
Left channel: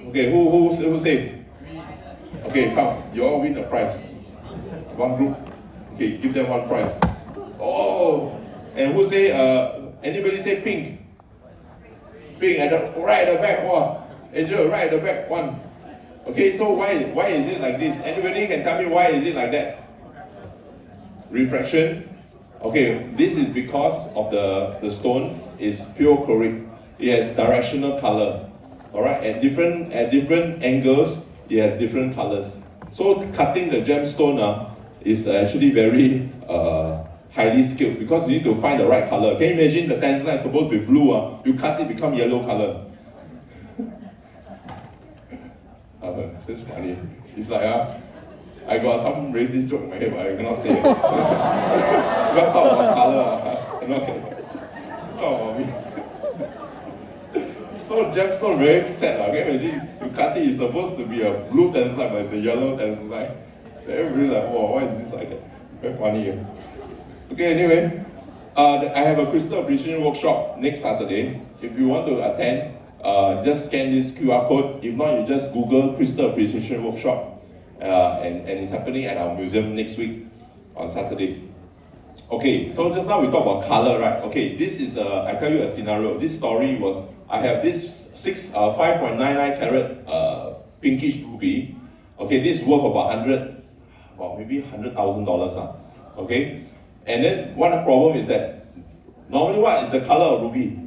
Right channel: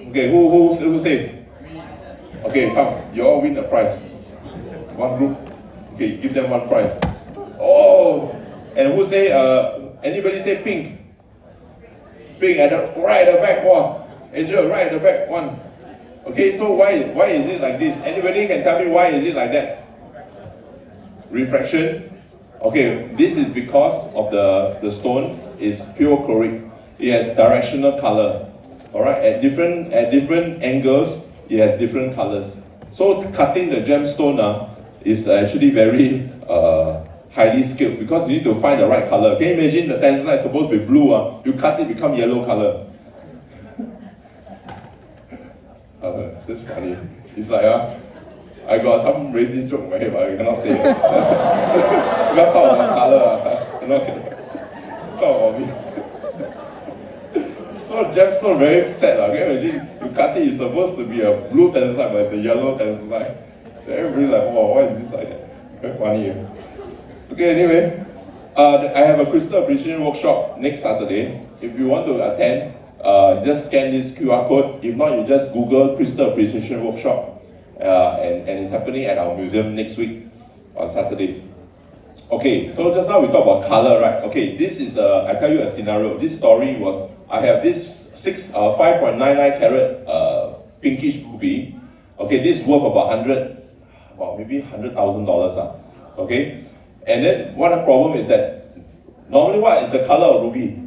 Okay, who say? Okay, come. You all win a prize. One group. Okay, give them one prize. Oh, and who say? Anybody say pink? Pink at the right at the back. Wow, Angel, right at the back. One. Okay, so why is it like this? Anybody can tell me why is it like that? Refraction. Okay, this is because of the stone is pure chloric. It has directional color. All right, at different angles, it has different colors. So cutting the gemstone is actually very highly skilled because you need to find the right color. Can you imagine the tanzanite is supposed to be blue? You cut it, become yellow color. That's funny. It's like I got some racist joke in my head, but I cannot say it. You got to talk about color. You know, talk about me. So gemstone very sad. Okay? Imagine you cut it, it's supposed to be a blue tanzanite, but it's a yellow tanzanite. Everybody like, oh, why is this like that? Very funny. Okay, anyway, I have a crystal appreciation workshop next Saturday. If you want to attend, just scan this QR code. If not, you just Google crystal appreciation workshop. And it's happening at our museum next week on Saturday. Okay, so just now we talked about color, right? Okay, this is I tell you a scenario. This story was I have this 5.99 carat pinkish ruby. Okay, this is worth about maybe $100,000. Okay, and then one problem is that normally what is the color of ruby?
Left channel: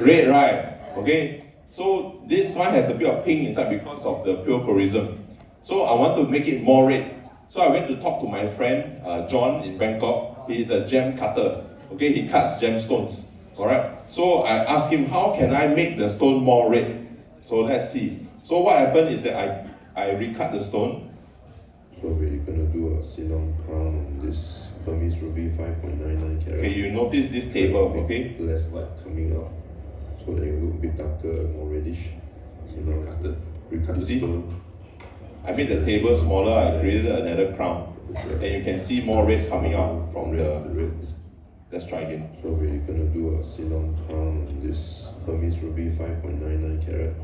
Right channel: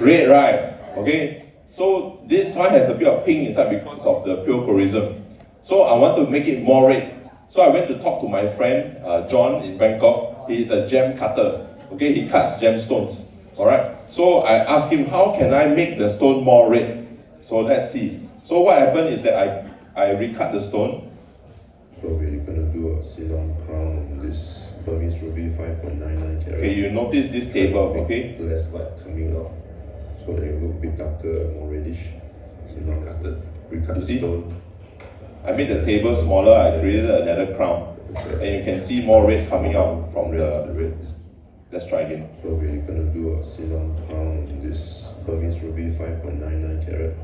Red, right? Okay, so this one has a bit of pink inside because of the pure chorism. So I want to make it more red. So I went to talk to my friend John in Bangkok. He is a gem cutter. Okay, he cuts gemstones. All right. So I asked him, how can I make the stone more red? So let's see. So what happened is that I recut the stone. So we're gonna do a Ceylon crown on this Burmese ruby 5.99 carat. Okay, you notice this table, okay? Less light coming out, so that it will look a bit darker, more reddish. So now recut the stone. I made the table smaller, I created another crown. And you can see more red coming out from the red. Let's try again. So we're gonna do a Ceylon crown on this Burmese ruby 5.99 carat.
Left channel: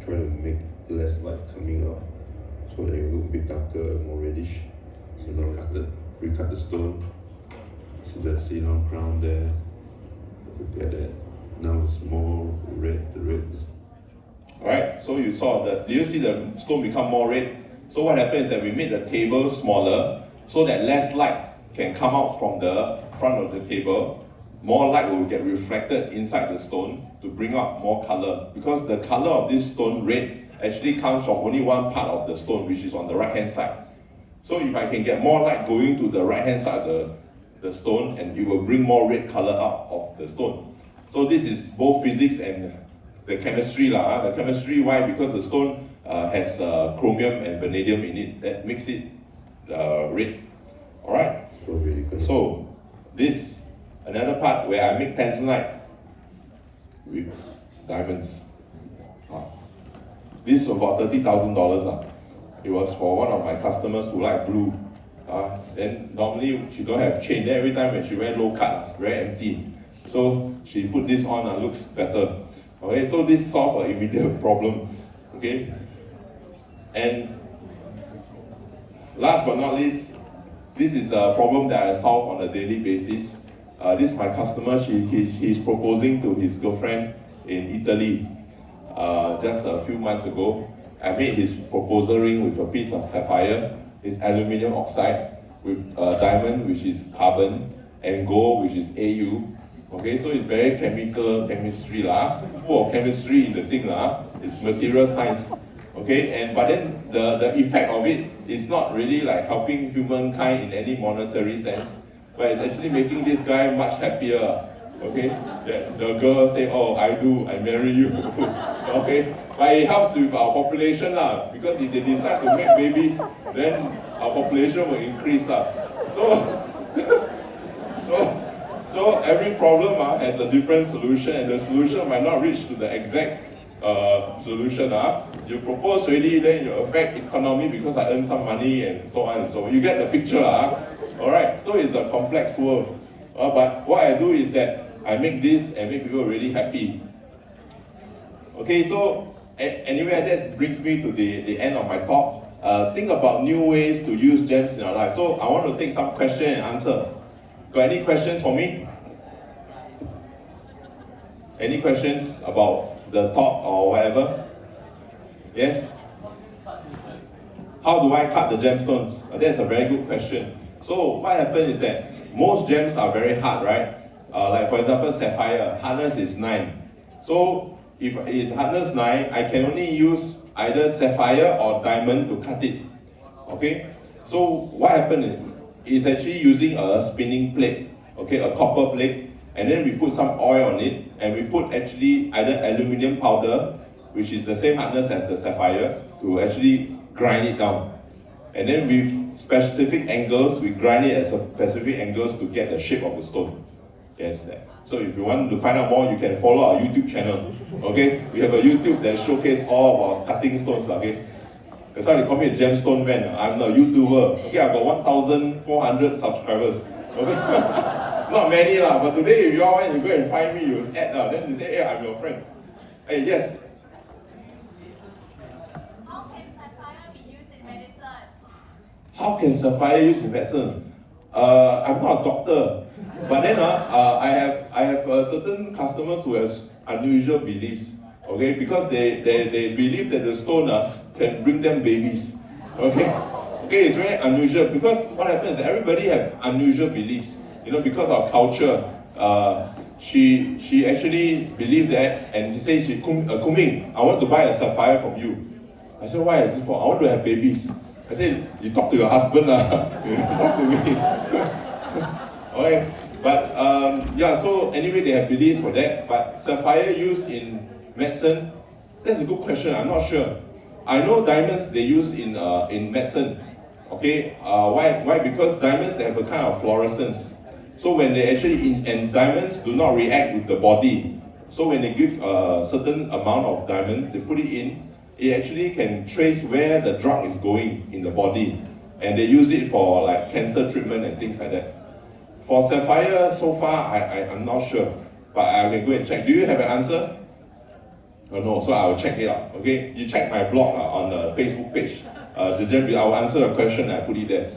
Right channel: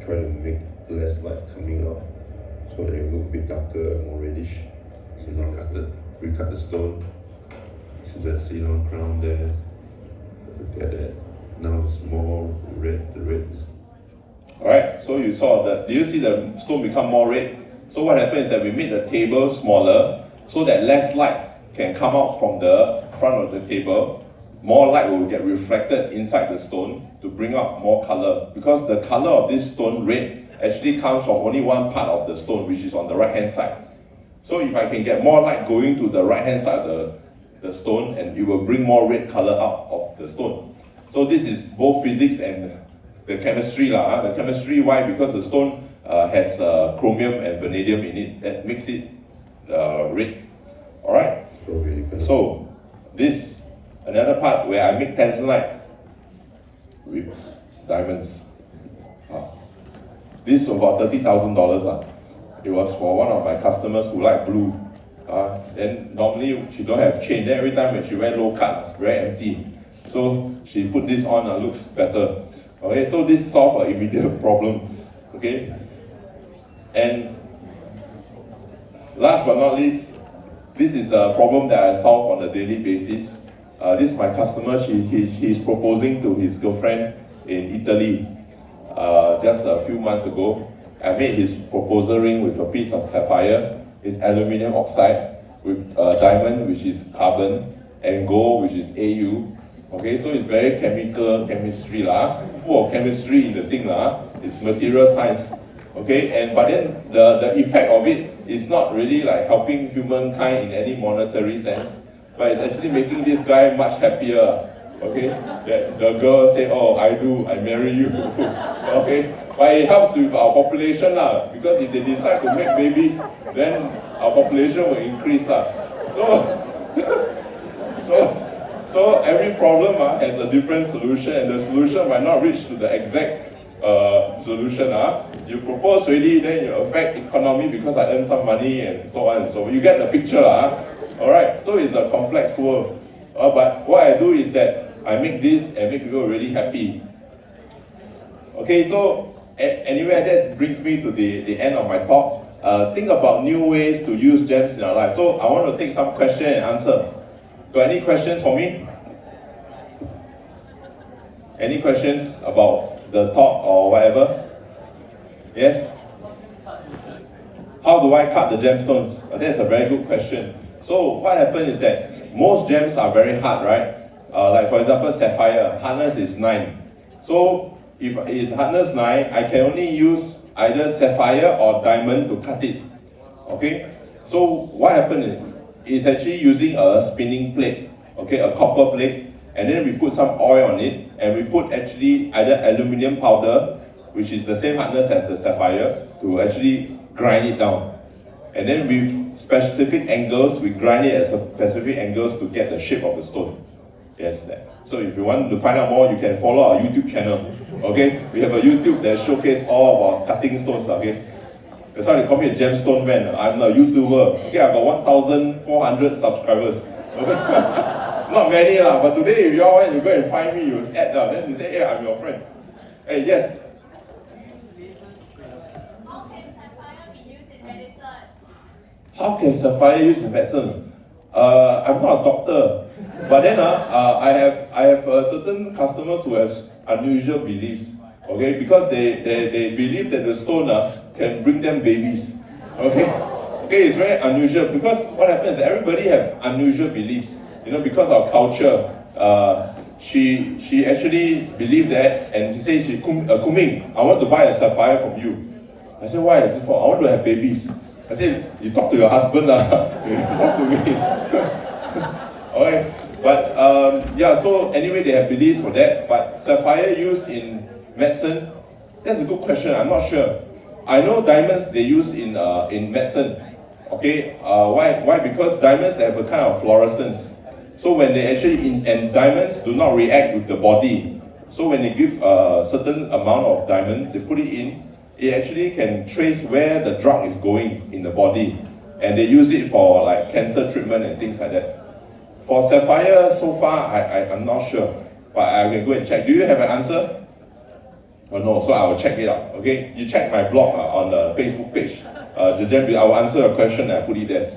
Try to make less light coming out, so that it will look a bit darker, more reddish. So now recut the stone. So that Ceylon crown there. Look at that. Now it's more red. The red is. Alright, so you saw that. Do you see the stone become more red? So what happened is that we made the table smaller so that less light can come out from the front of the table. More light will get reflected inside the stone to bring out more color, because the color of this stone, red, actually comes from only one part of the stone, which is on the right hand side. So if I can get more light going to the right hand side of the stone, and it will bring more red color out of the stone. So this is both physics and the chemistry. The chemistry, why? Because the stone has chromium and vanadium in it that makes it red. Alright? So this, another part where I make tanzanite with diamonds. This is about $30,000. It was for one of my customers who like blue. Then normally she don't have chain. Then every time when she wear low cut, very empty. So she put this on and looks better. Okay, so this solved an immediate problem. Okay, and last but not least, this is a problem that I solve on a daily basis. This is my customer. He's proposing to his girlfriend in Italy just a few months ago. I made his proposal ring with a piece of sapphire, it's aluminium oxide, with diamond, which is carbon, and gold, which is Au. Okay, so it's very chemistry lah, full of chemistry in the thing lah. It's material science. Okay, but then the effect of it is not really like helping humankind in any monetary sense, but it's actually making this guy much happier. Okay, that the girl say, oh, I marry you. Okay, but it helps with our population lah, because if they decide to make babies, then our population will increase lah. So every problem has a different solution, and the solution might not reach to the exact solution. You propose already, then you affect economy because I earn some money and so on and so on. You get the picture. Alright, so it's a complex world. But what I do is that I make this and make people really happy. Okay, so anyway, that brings me to the end of my talk. Think about new ways to use gems in our life. So I want to take some question and answer. Got any questions for me? Any questions about the talk or whatever? Yes? How do I cut the gemstones? That's a very good question. So what happens is that most gems are very hard, right? Like for example, sapphire, hardness is 9. So if it's hardness 9, I can only use either sapphire or diamond to cut it. Okay? So what happens is actually using a spinning plate, okay, a copper plate, and then we put some oil on it, and we put actually either aluminium powder, which is the same hardness as the sapphire, to actually grind it down. And then with specific angles, we grind it at specific angles to get the shape of the stone. Yes. So if you want to find out more, you can follow our YouTube channel. Okay, we have a YouTube that showcases all about cutting stones. Okay, that's why they call me a gemstone man. I'm a YouTuber. Okay, I've got 1,400 subscribers. Okay, not many lah. But today, if you all want to go and find me, you will add lah. Then you say, hey, I'm your friend. Hey, yes. How can sapphire be used in medicine? I'm not a doctor, but then I have certain customers who have unusual beliefs. Okay, because they believe that the stone can bring them babies. Okay, it's very unusual because what happens is everybody have unusual beliefs. You know, because of culture. She actually believed that, and she said, Kunming, I want to buy a sapphire from you. I said, why is it for? I want to have babies. I said, you talk to your husband lah. You talk to me. Okay, but yeah. So anyway, they have beliefs for that. But sapphire used in medicine, that's a good question. I'm not sure. I know diamonds they use in medicine. Okay, why? Because diamonds they have a kind of fluorescence. So when they actually and diamonds do not react with the body. So when they give a certain amount of diamond, they put it in. It actually can trace where the drug is going in the body, and they use it for like cancer treatment and things like that. For sapphire, so far I'm not sure, but I can go and check. Do you have an answer? Oh, no, so I will check it out. Okay, you check my blog on the Facebook page. I will answer your question and I put it there.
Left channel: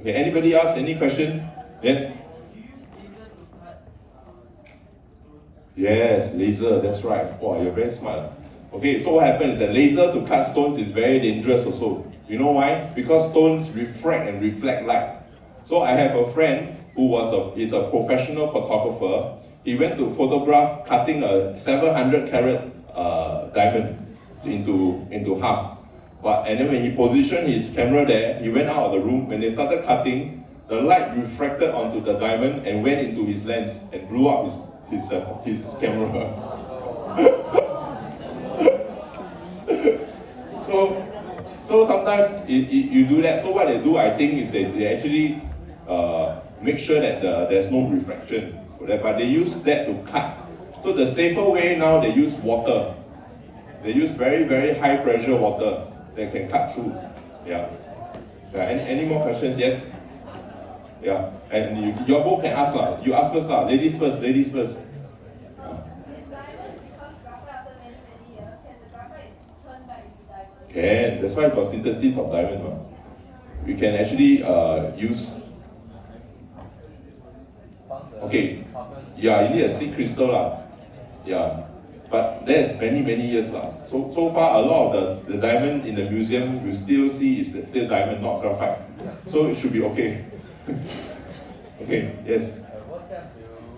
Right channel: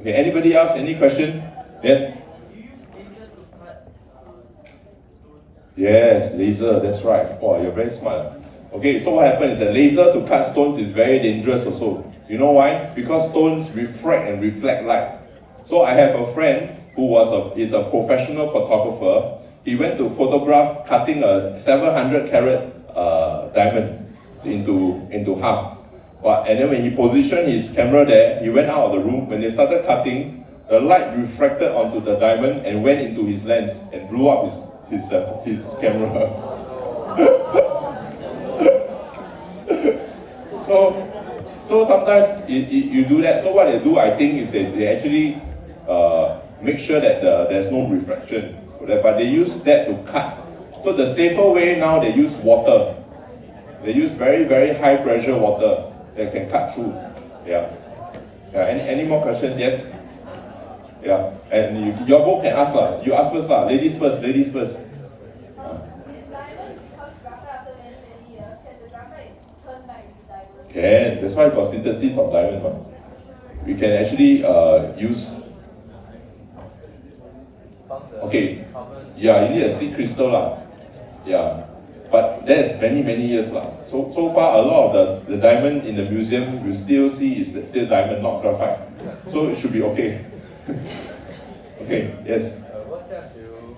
Okay, anybody else? Any question? Yes. Yes, laser. That's right. Oh, you're very smart. Okay, so what happens is that laser to cut stones is very dangerous also. You know why? Because stones refract and reflect light. So I have a friend who is a professional photographer. He went to photograph cutting a 700 carat diamond into half. And then when he positioned his camera there, he went out of the room. When they started cutting, the light refracted onto the diamond and went into his lens and blew up his camera. So sometimes you do that. So what they do, I think, is they actually make sure that there's no refraction. But they use that to cut. So the safer way now, they use water. They use very, very high pressure water that can cut through. Yeah. Any more questions? Yes? Yeah. And you all both can ask. You ask first. Ladies first. Ladies first. Can. That's why I got synthesis of diamond. we can actually use. Okay, yeah, you need a seed crystal lah. Yeah, but that's many years lah. So far, a lot of the diamond in the museum you still see is still diamond, not graphite. So it should be okay. Okay, yes. What chance do you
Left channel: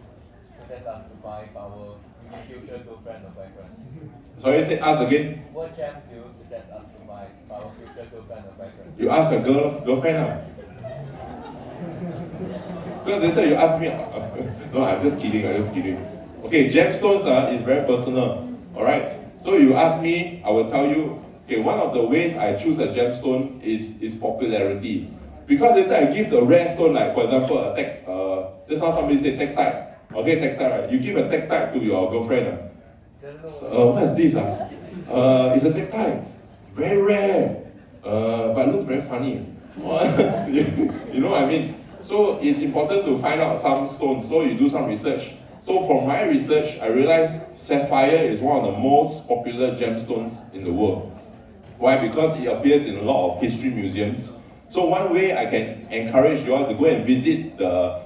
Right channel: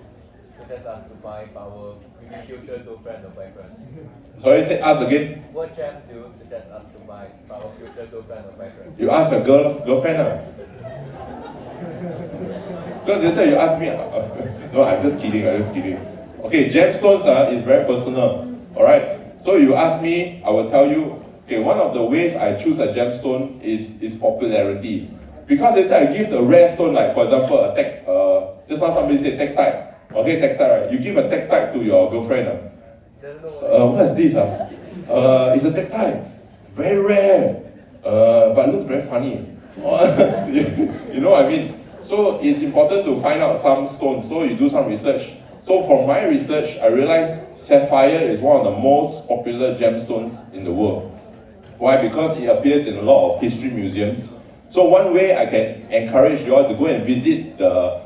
suggest us to buy our future girlfriend or boyfriend? Sorry, say ask again. What chance do you suggest us to buy our future girlfriend or boyfriend? You ask a girlfriend lah. Because later you ask me. No, I'm just kidding. Okay, gemstones is very personal. Alright, so you ask me, I will tell you. Okay, one of the ways I choose a gemstone is popularity. Because later I give the rare stone, like for example, just now somebody said tektite. Okay, tektite, right? You give a tektite to your girlfriend. What's this? It's a tektite. Very rare. But looks very funny. You know what I mean? So it's important to find out some stones. So you do some research. So from my research, I realized sapphire is one of the most popular gemstones in the world. Why? Because it appears in a lot of history museums. So one way I can encourage you all to go and visit the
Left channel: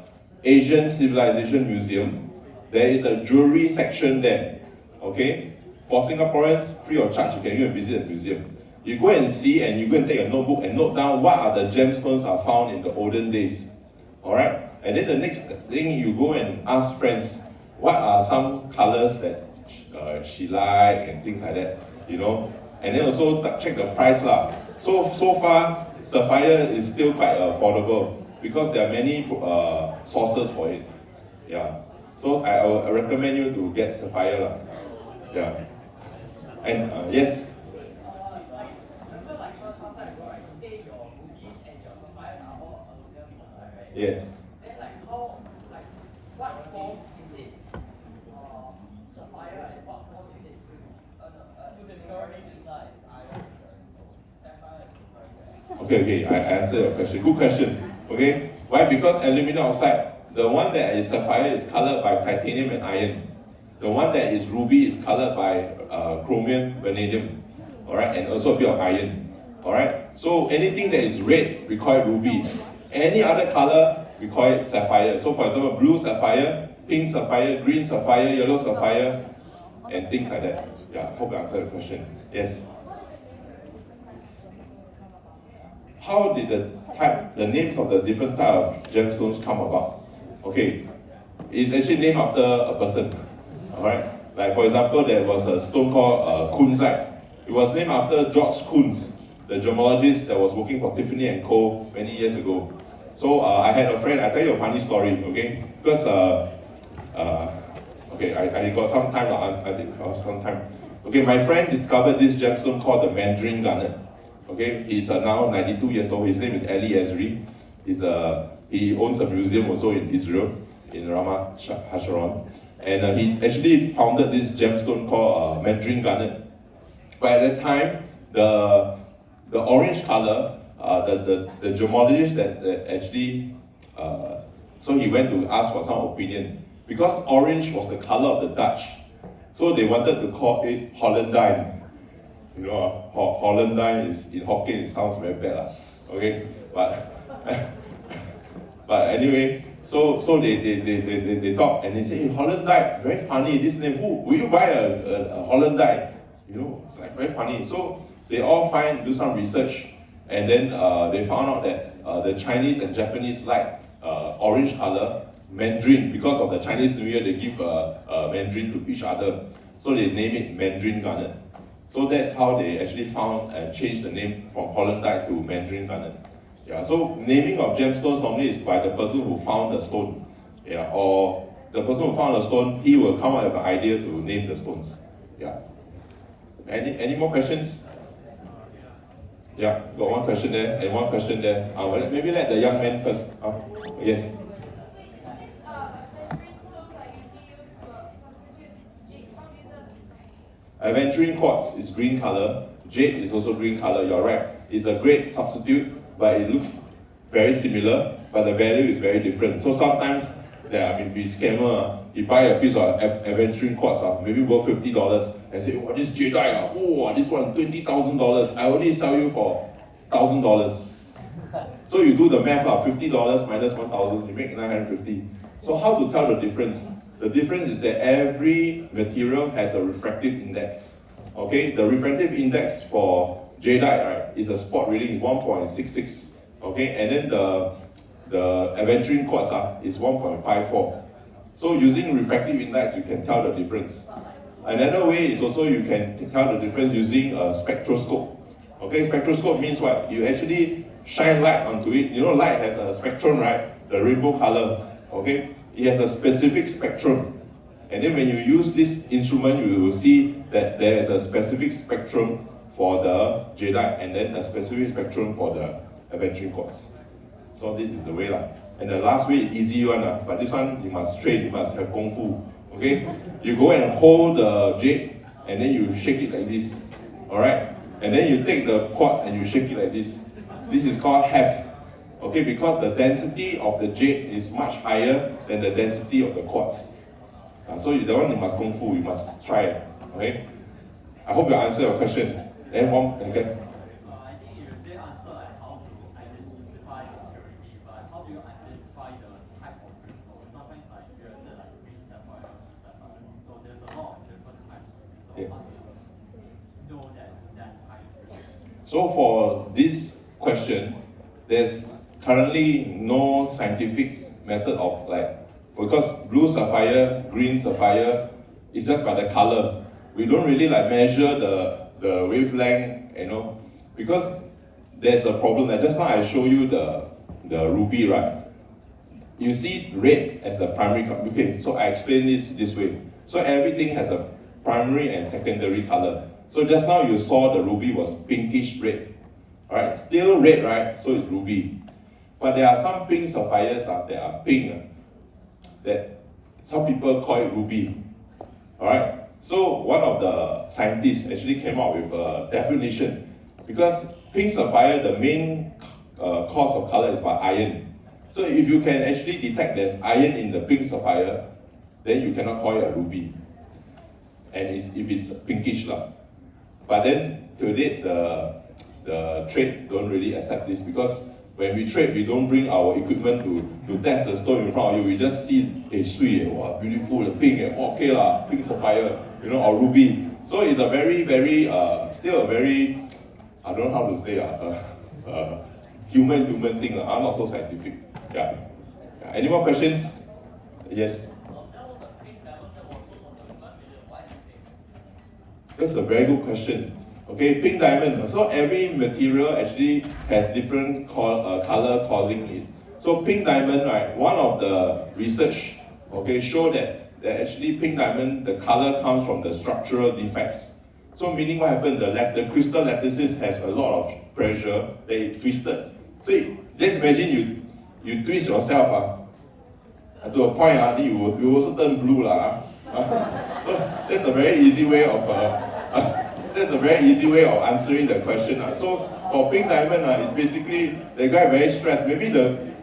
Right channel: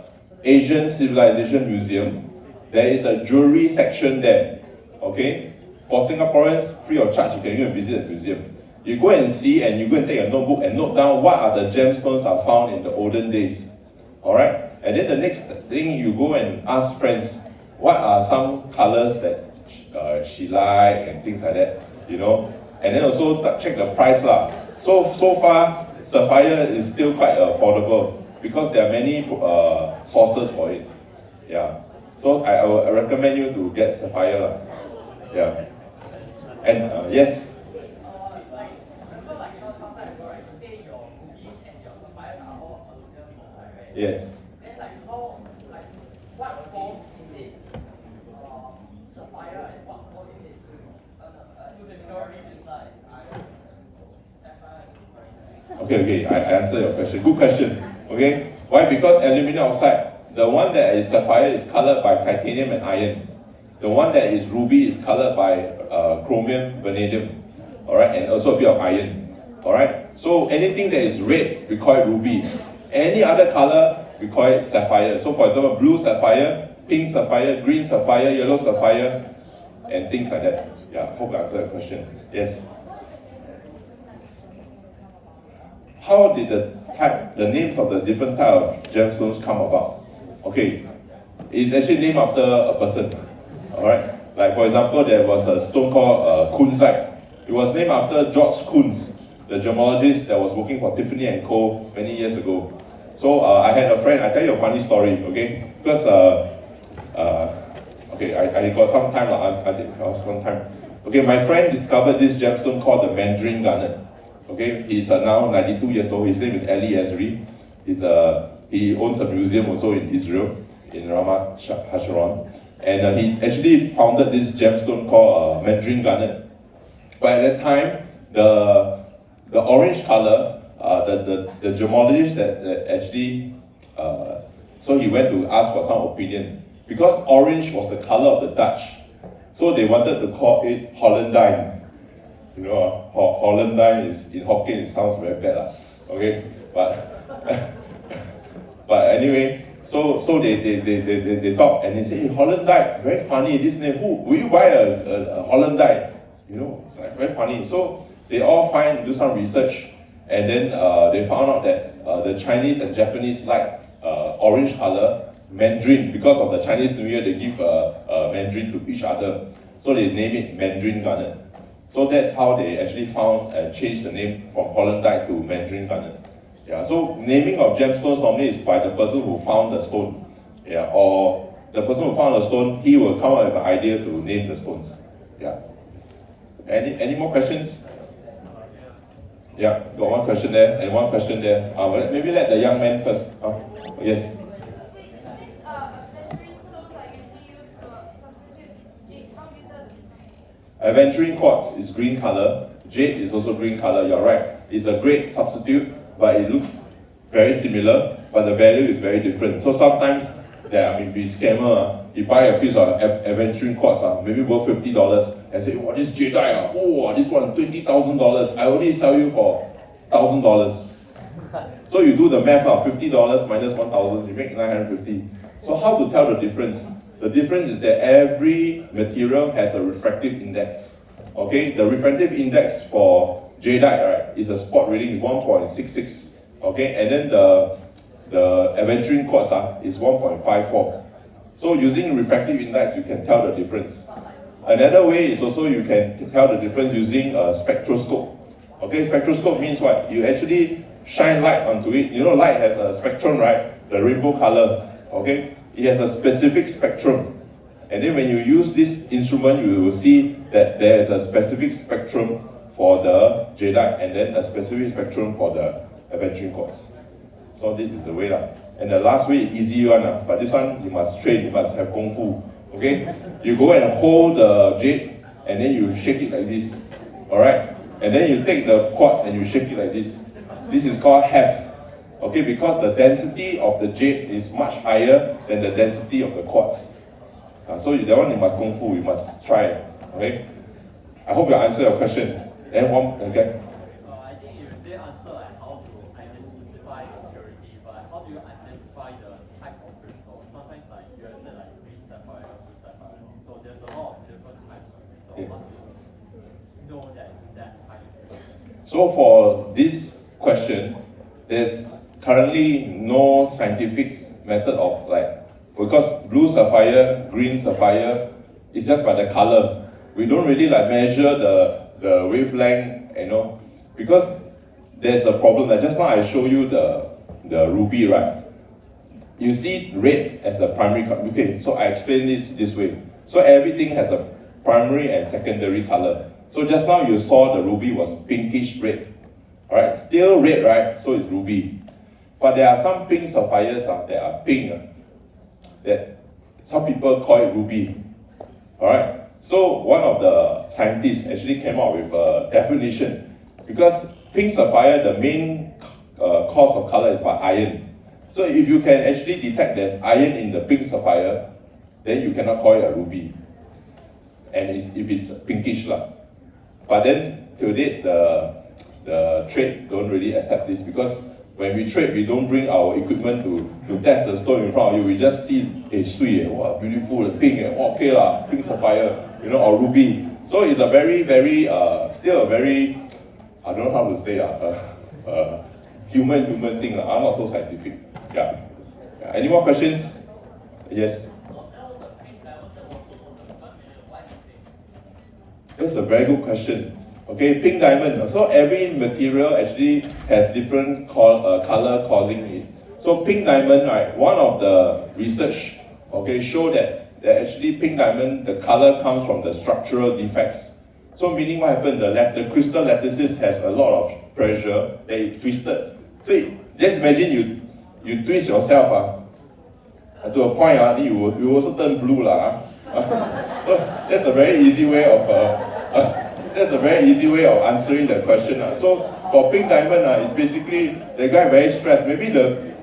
Asian Civilization Museum. There is a jewelry section there. Okay? For Singaporeans, free of charge, you can go and visit the museum. You go and see, and you go and take a notebook and note down what are the gemstones are found in the olden days. Alright? And then the next thing, you go and ask friends, what are some colors that she like and things like that, you know? And then also check the price lah. So far, sapphire is still quite affordable because there are many sources for it. Yeah. So I recommend you to get sapphire lah. Yeah. And yes. Yes. Okay, I answer your question. Good question. Okay, why? Because aluminum oxide, the one that is sapphire is colored by titanium and iron. The one that is ruby is colored by chromium, vanadium. All right, and also a bit of iron. All right. So anything that is red, we call it ruby. Any other color, we call it sapphire. So for example, blue sapphire, pink sapphire, green sapphire, yellow sapphire, and things like that. Yeah, hope I answered the question. Yes. How did the names of the different type of gemstones come about? Okay, it's actually named after a person. All right. Like for example, there was a stone called kunzite. It was named after George Kunz, the gemologist that was working for Tiffany and Co. many years ago. So I had a friend. I tell you a funny story, okay? Because okay, I got some time. I did some time. Okay, my friend discovered this gemstone called the Mandarin garnet. Okay, he's now 92 years old. His name is Ali Ezri. He owns a museum also in Israel, in Ramat Hasharon. And he actually founded this gemstone called Mandarin garnet. But at that time, the orange color, the gemologist that actually, so he went to ask for some opinion. Because orange was the color of the Dutch, so they wanted to call it Hollandine. You know, Hollandine is in Hokkien, it sounds very bad, okay? But but anyway, so they talk and they say, hey, Hollandine, very funny, this name. Who will you buy a Hollandine? You know, it's like very funny. So they all do some research, and then they found out that the Chinese and Japanese like orange color, Mandarin. Because of the Chinese New Year, they give Mandarin to each other. So they name it Mandarin garnet. So that's how they actually found and changed the name from Hollandite to Mandarin garnet. Yeah. So naming of gemstones normally is by the person who found the stone. Yeah. Or the person who found the stone, he will come up with an idea to name the stones. Yeah. Any more questions? Yeah, got one question there and one question there. Maybe let the young man first. Yes. Aventurine quartz is green color. Jade is also green color. You're right. It's a great substitute, but it looks very similar, but the value is very different. So sometimes, be scammer. You buy a piece of aventurine quartz, maybe worth $50, and say, "Oh, this jadeite, oh, this one $20,000. I only sell you for $1,000." So you do the math, $50 minus 1,000, you make 950. So how to tell the difference? The difference is that every material has a refractive index. Okay, the refractive index for jadeite, right, is a spot reading is 1.66. Okay, and then the aventurine quartz is 1.54. So using refractive index, you can tell the difference. Another way is also you can tell the difference using a spectroscope. Okay, spectroscope means what? You actually shine light onto it. You know, light has a spectrum, right? The rainbow color. Okay, it has a specific spectrum. And then when you use this instrument, you will see that there is a specific spectrum for the jadeite and then a specific spectrum for the aventurine quartz. So this is the way. And the last way, easy one, but this one you must train, you must have kung fu. Okay? You go and hold the jade and then you shake it like this. Alright? And then you take the quartz and you shake it like this. This is called heft. Okay, because the density of the jade is much higher than the density of the quartz. So that one you must kung fu, you must try it. Okay? I hope I answered your question. And one, okay? I think you did answer like how to identify the purity, but how do you identify the type of crystal? Sometimes like you say like green sapphire or blue sapphire. So there's a lot of different types of crystal. Yes. How do you know that it's that type of crystal? So for this question, there's currently no scientific method of because blue sapphire, green sapphire, it's just by the color. We don't really measure the wavelength, because there's a problem that just now I show you the ruby, right? You see red as the primary color. Okay, so I explain this way. So everything has a primary and secondary color. So just now you saw the ruby was pinkish red. Alright, still red, right? So it's ruby. But there are some pink sapphires that are pink, that some people call it ruby. Alright? So one of the scientists actually came up with a definition, because pink sapphire, the main cause of color is by iron. So if you can actually detect there's iron in the pink sapphire, then you cannot call it a ruby. And if it's pinkish. But then to date, the trade don't really accept this, because when we trade, we don't bring our equipment to test the stone in front of you. We just see a sweet, wow, beautiful, pink, okay pink sapphire, or ruby. So it's a very, very, still a very, I don't know how to say, human thing. I'm not so scientific. Yeah. Any more questions? Yes. That's a very good question. Okay, pink diamond. So every material actually has different color causing it. So pink diamond, right? One of the research, show that actually pink diamond, the color comes from the structural defects. So meaning what happened? The crystal lattices has a lot of pressure. They twisted. So just imagine you twist yourself to a point you also turn blue So that's a very easy way of answering the question. So for pink diamond, it's basically the guy very stressed. Maybe the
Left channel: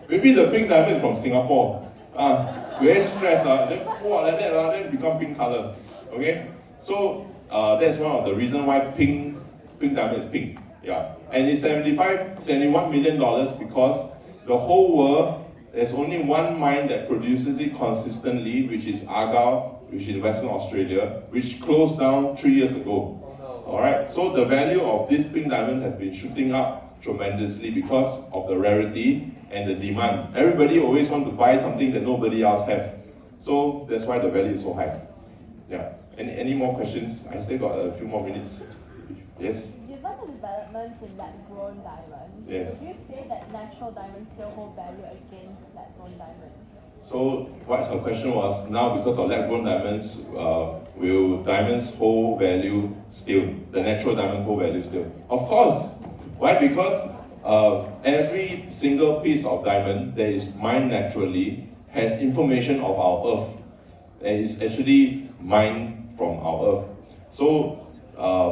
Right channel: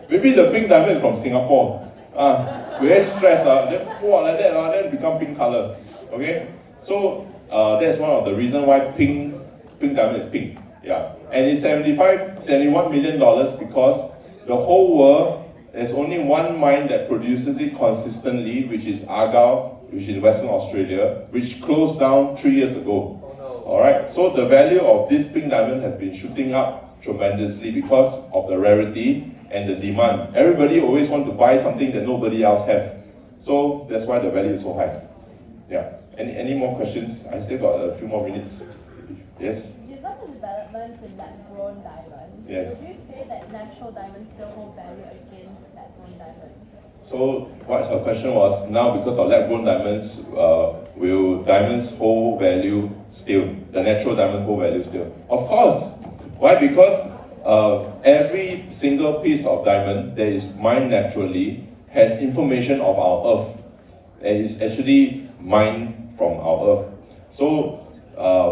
pink diamond from Singapore, very stressed. Then like that, then become pink color. Okay, so that's one of the reasons why pink diamond is pink. Yeah, and it's $71 million because the whole world, there's only one mine that produces it consistently, which is Argyle, which is in Western Australia, which closed down 3 years ago. Alright, so the value of this pink diamond has been shooting up tremendously because of the rarity and the demand. Everybody always wants to buy something that nobody else have. So that's why the value is so high. Yeah. Any more questions? I still got a few more minutes. Yes? You talk about developments in lab-grown diamonds. Yes. Would you say that natural diamonds still hold value against lab-grown diamonds? So what her question was, now because of lab-grown diamonds, will diamonds hold value still? The natural diamond hold value still? Of course. Why? Because every single piece of diamond that is mined naturally has information of our earth, and is actually mined from our earth. So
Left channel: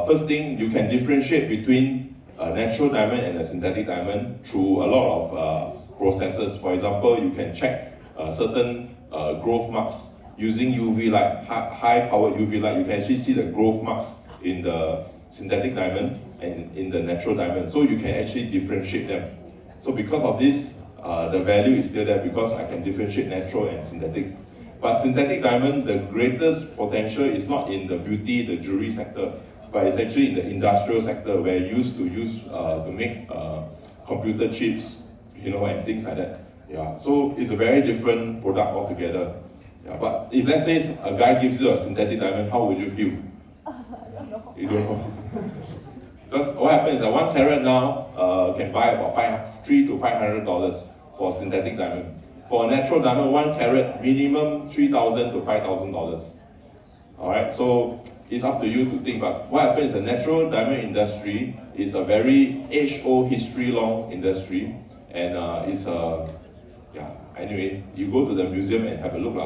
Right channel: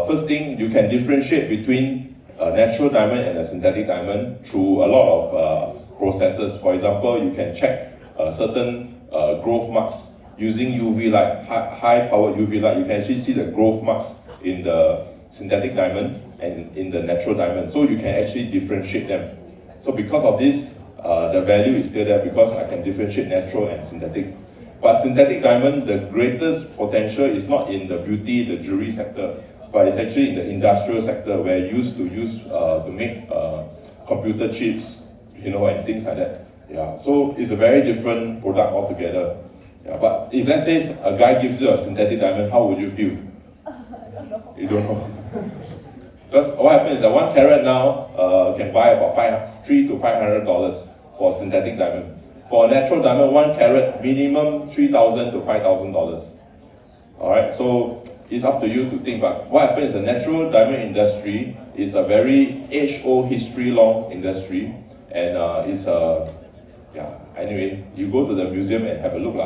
first thing, you can differentiate between a natural diamond and a synthetic diamond through a lot of processes. For example, you can check certain growth marks using UV light, high-powered UV light. You can actually see the growth marks in the synthetic diamond and in the natural diamond. So you can actually differentiate them. So because of this, the value is still there because I can differentiate natural and synthetic. But synthetic diamond, the greatest potential is not in the beauty, the jewelry sector, but it's actually in the industrial sector where you used to use to make computer chips, you know, and things like that. Yeah, so it's a very different product altogether. Yeah, but if let's say a guy gives you a synthetic diamond, how would you feel? I don't know. You don't know. Because what happens is that 1 carat now can buy about $300 to $500 for a synthetic diamond. For a natural diamond, 1 carat minimum $3,000 to $5,000. All right, so it's up to you to think. But what happens is the natural diamond industry is a very age-old, history-long industry, and it's a yeah. Anyway, you go to the museum and have a look,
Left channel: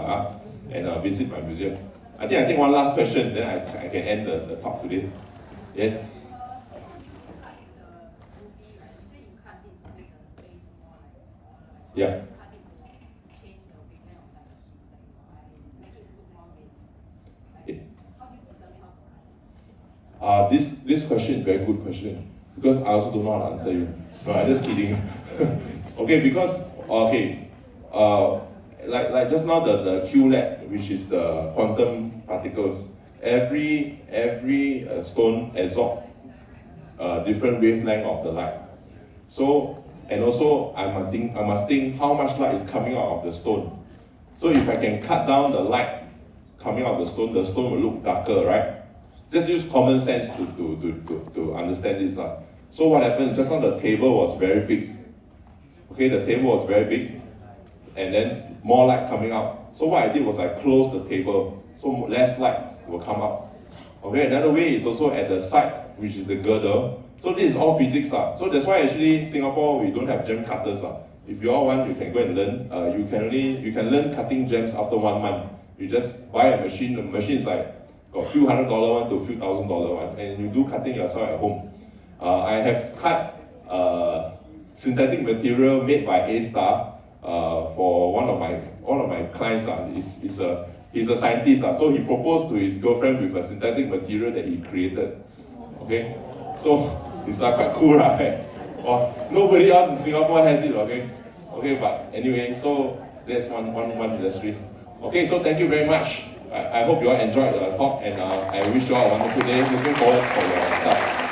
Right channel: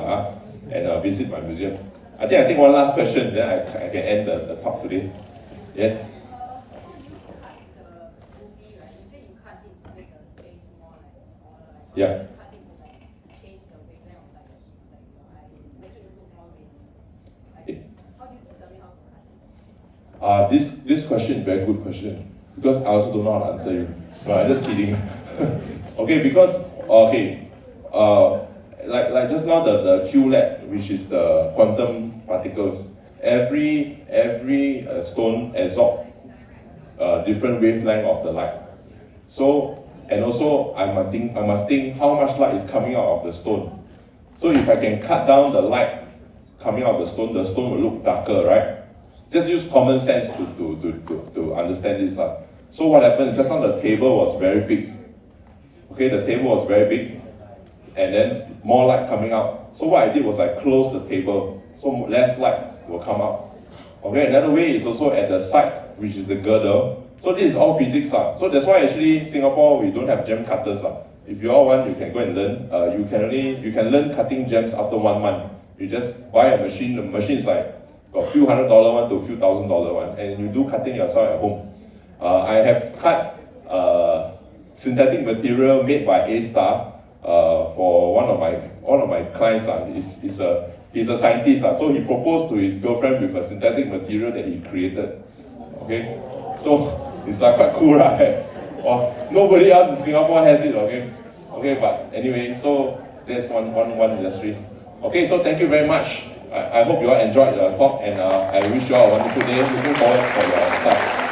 and visit my museum. I think one last question, then I can end the talk today. Yes. Yeah. This question is a very good question because I also don't know how to answer you. No, I'm just kidding. Okay, because like just now the QLab, which is the quantum particles, every stone absorbs different wavelength of the light. So, and also I must think how much light is coming out of the stone. So if I can cut down the light coming out of the stone will look darker, right? Just use common sense to understand this. So what happened, just now the table was very big. Okay, the table was very big, and then more light coming out. So what I did was I closed the table, so less light will come out. Okay, another way is also at the side, which is the girdle. So this is all physics. So that's why actually Singapore, we don't have gem cutters. If you all want, you can go and learn. You can learn cutting gems after 1 month. You just buy a machine. The machine is like got a few $100 one to a few $1,000 one, and you do cutting yourself at home. I have cut synthetic material made by A-Star for one of my clients. He's a scientist, so he proposed to his girlfriend with a synthetic material that he created. Okay, so it's quite cool, right? Well, nobody else in Singapore has it. Okay, but anyway, so that's one industry. Okay, so thank you very much. I hope you all enjoyed the talk, and I wish you all a wonderful day. Looking forward for your stuff.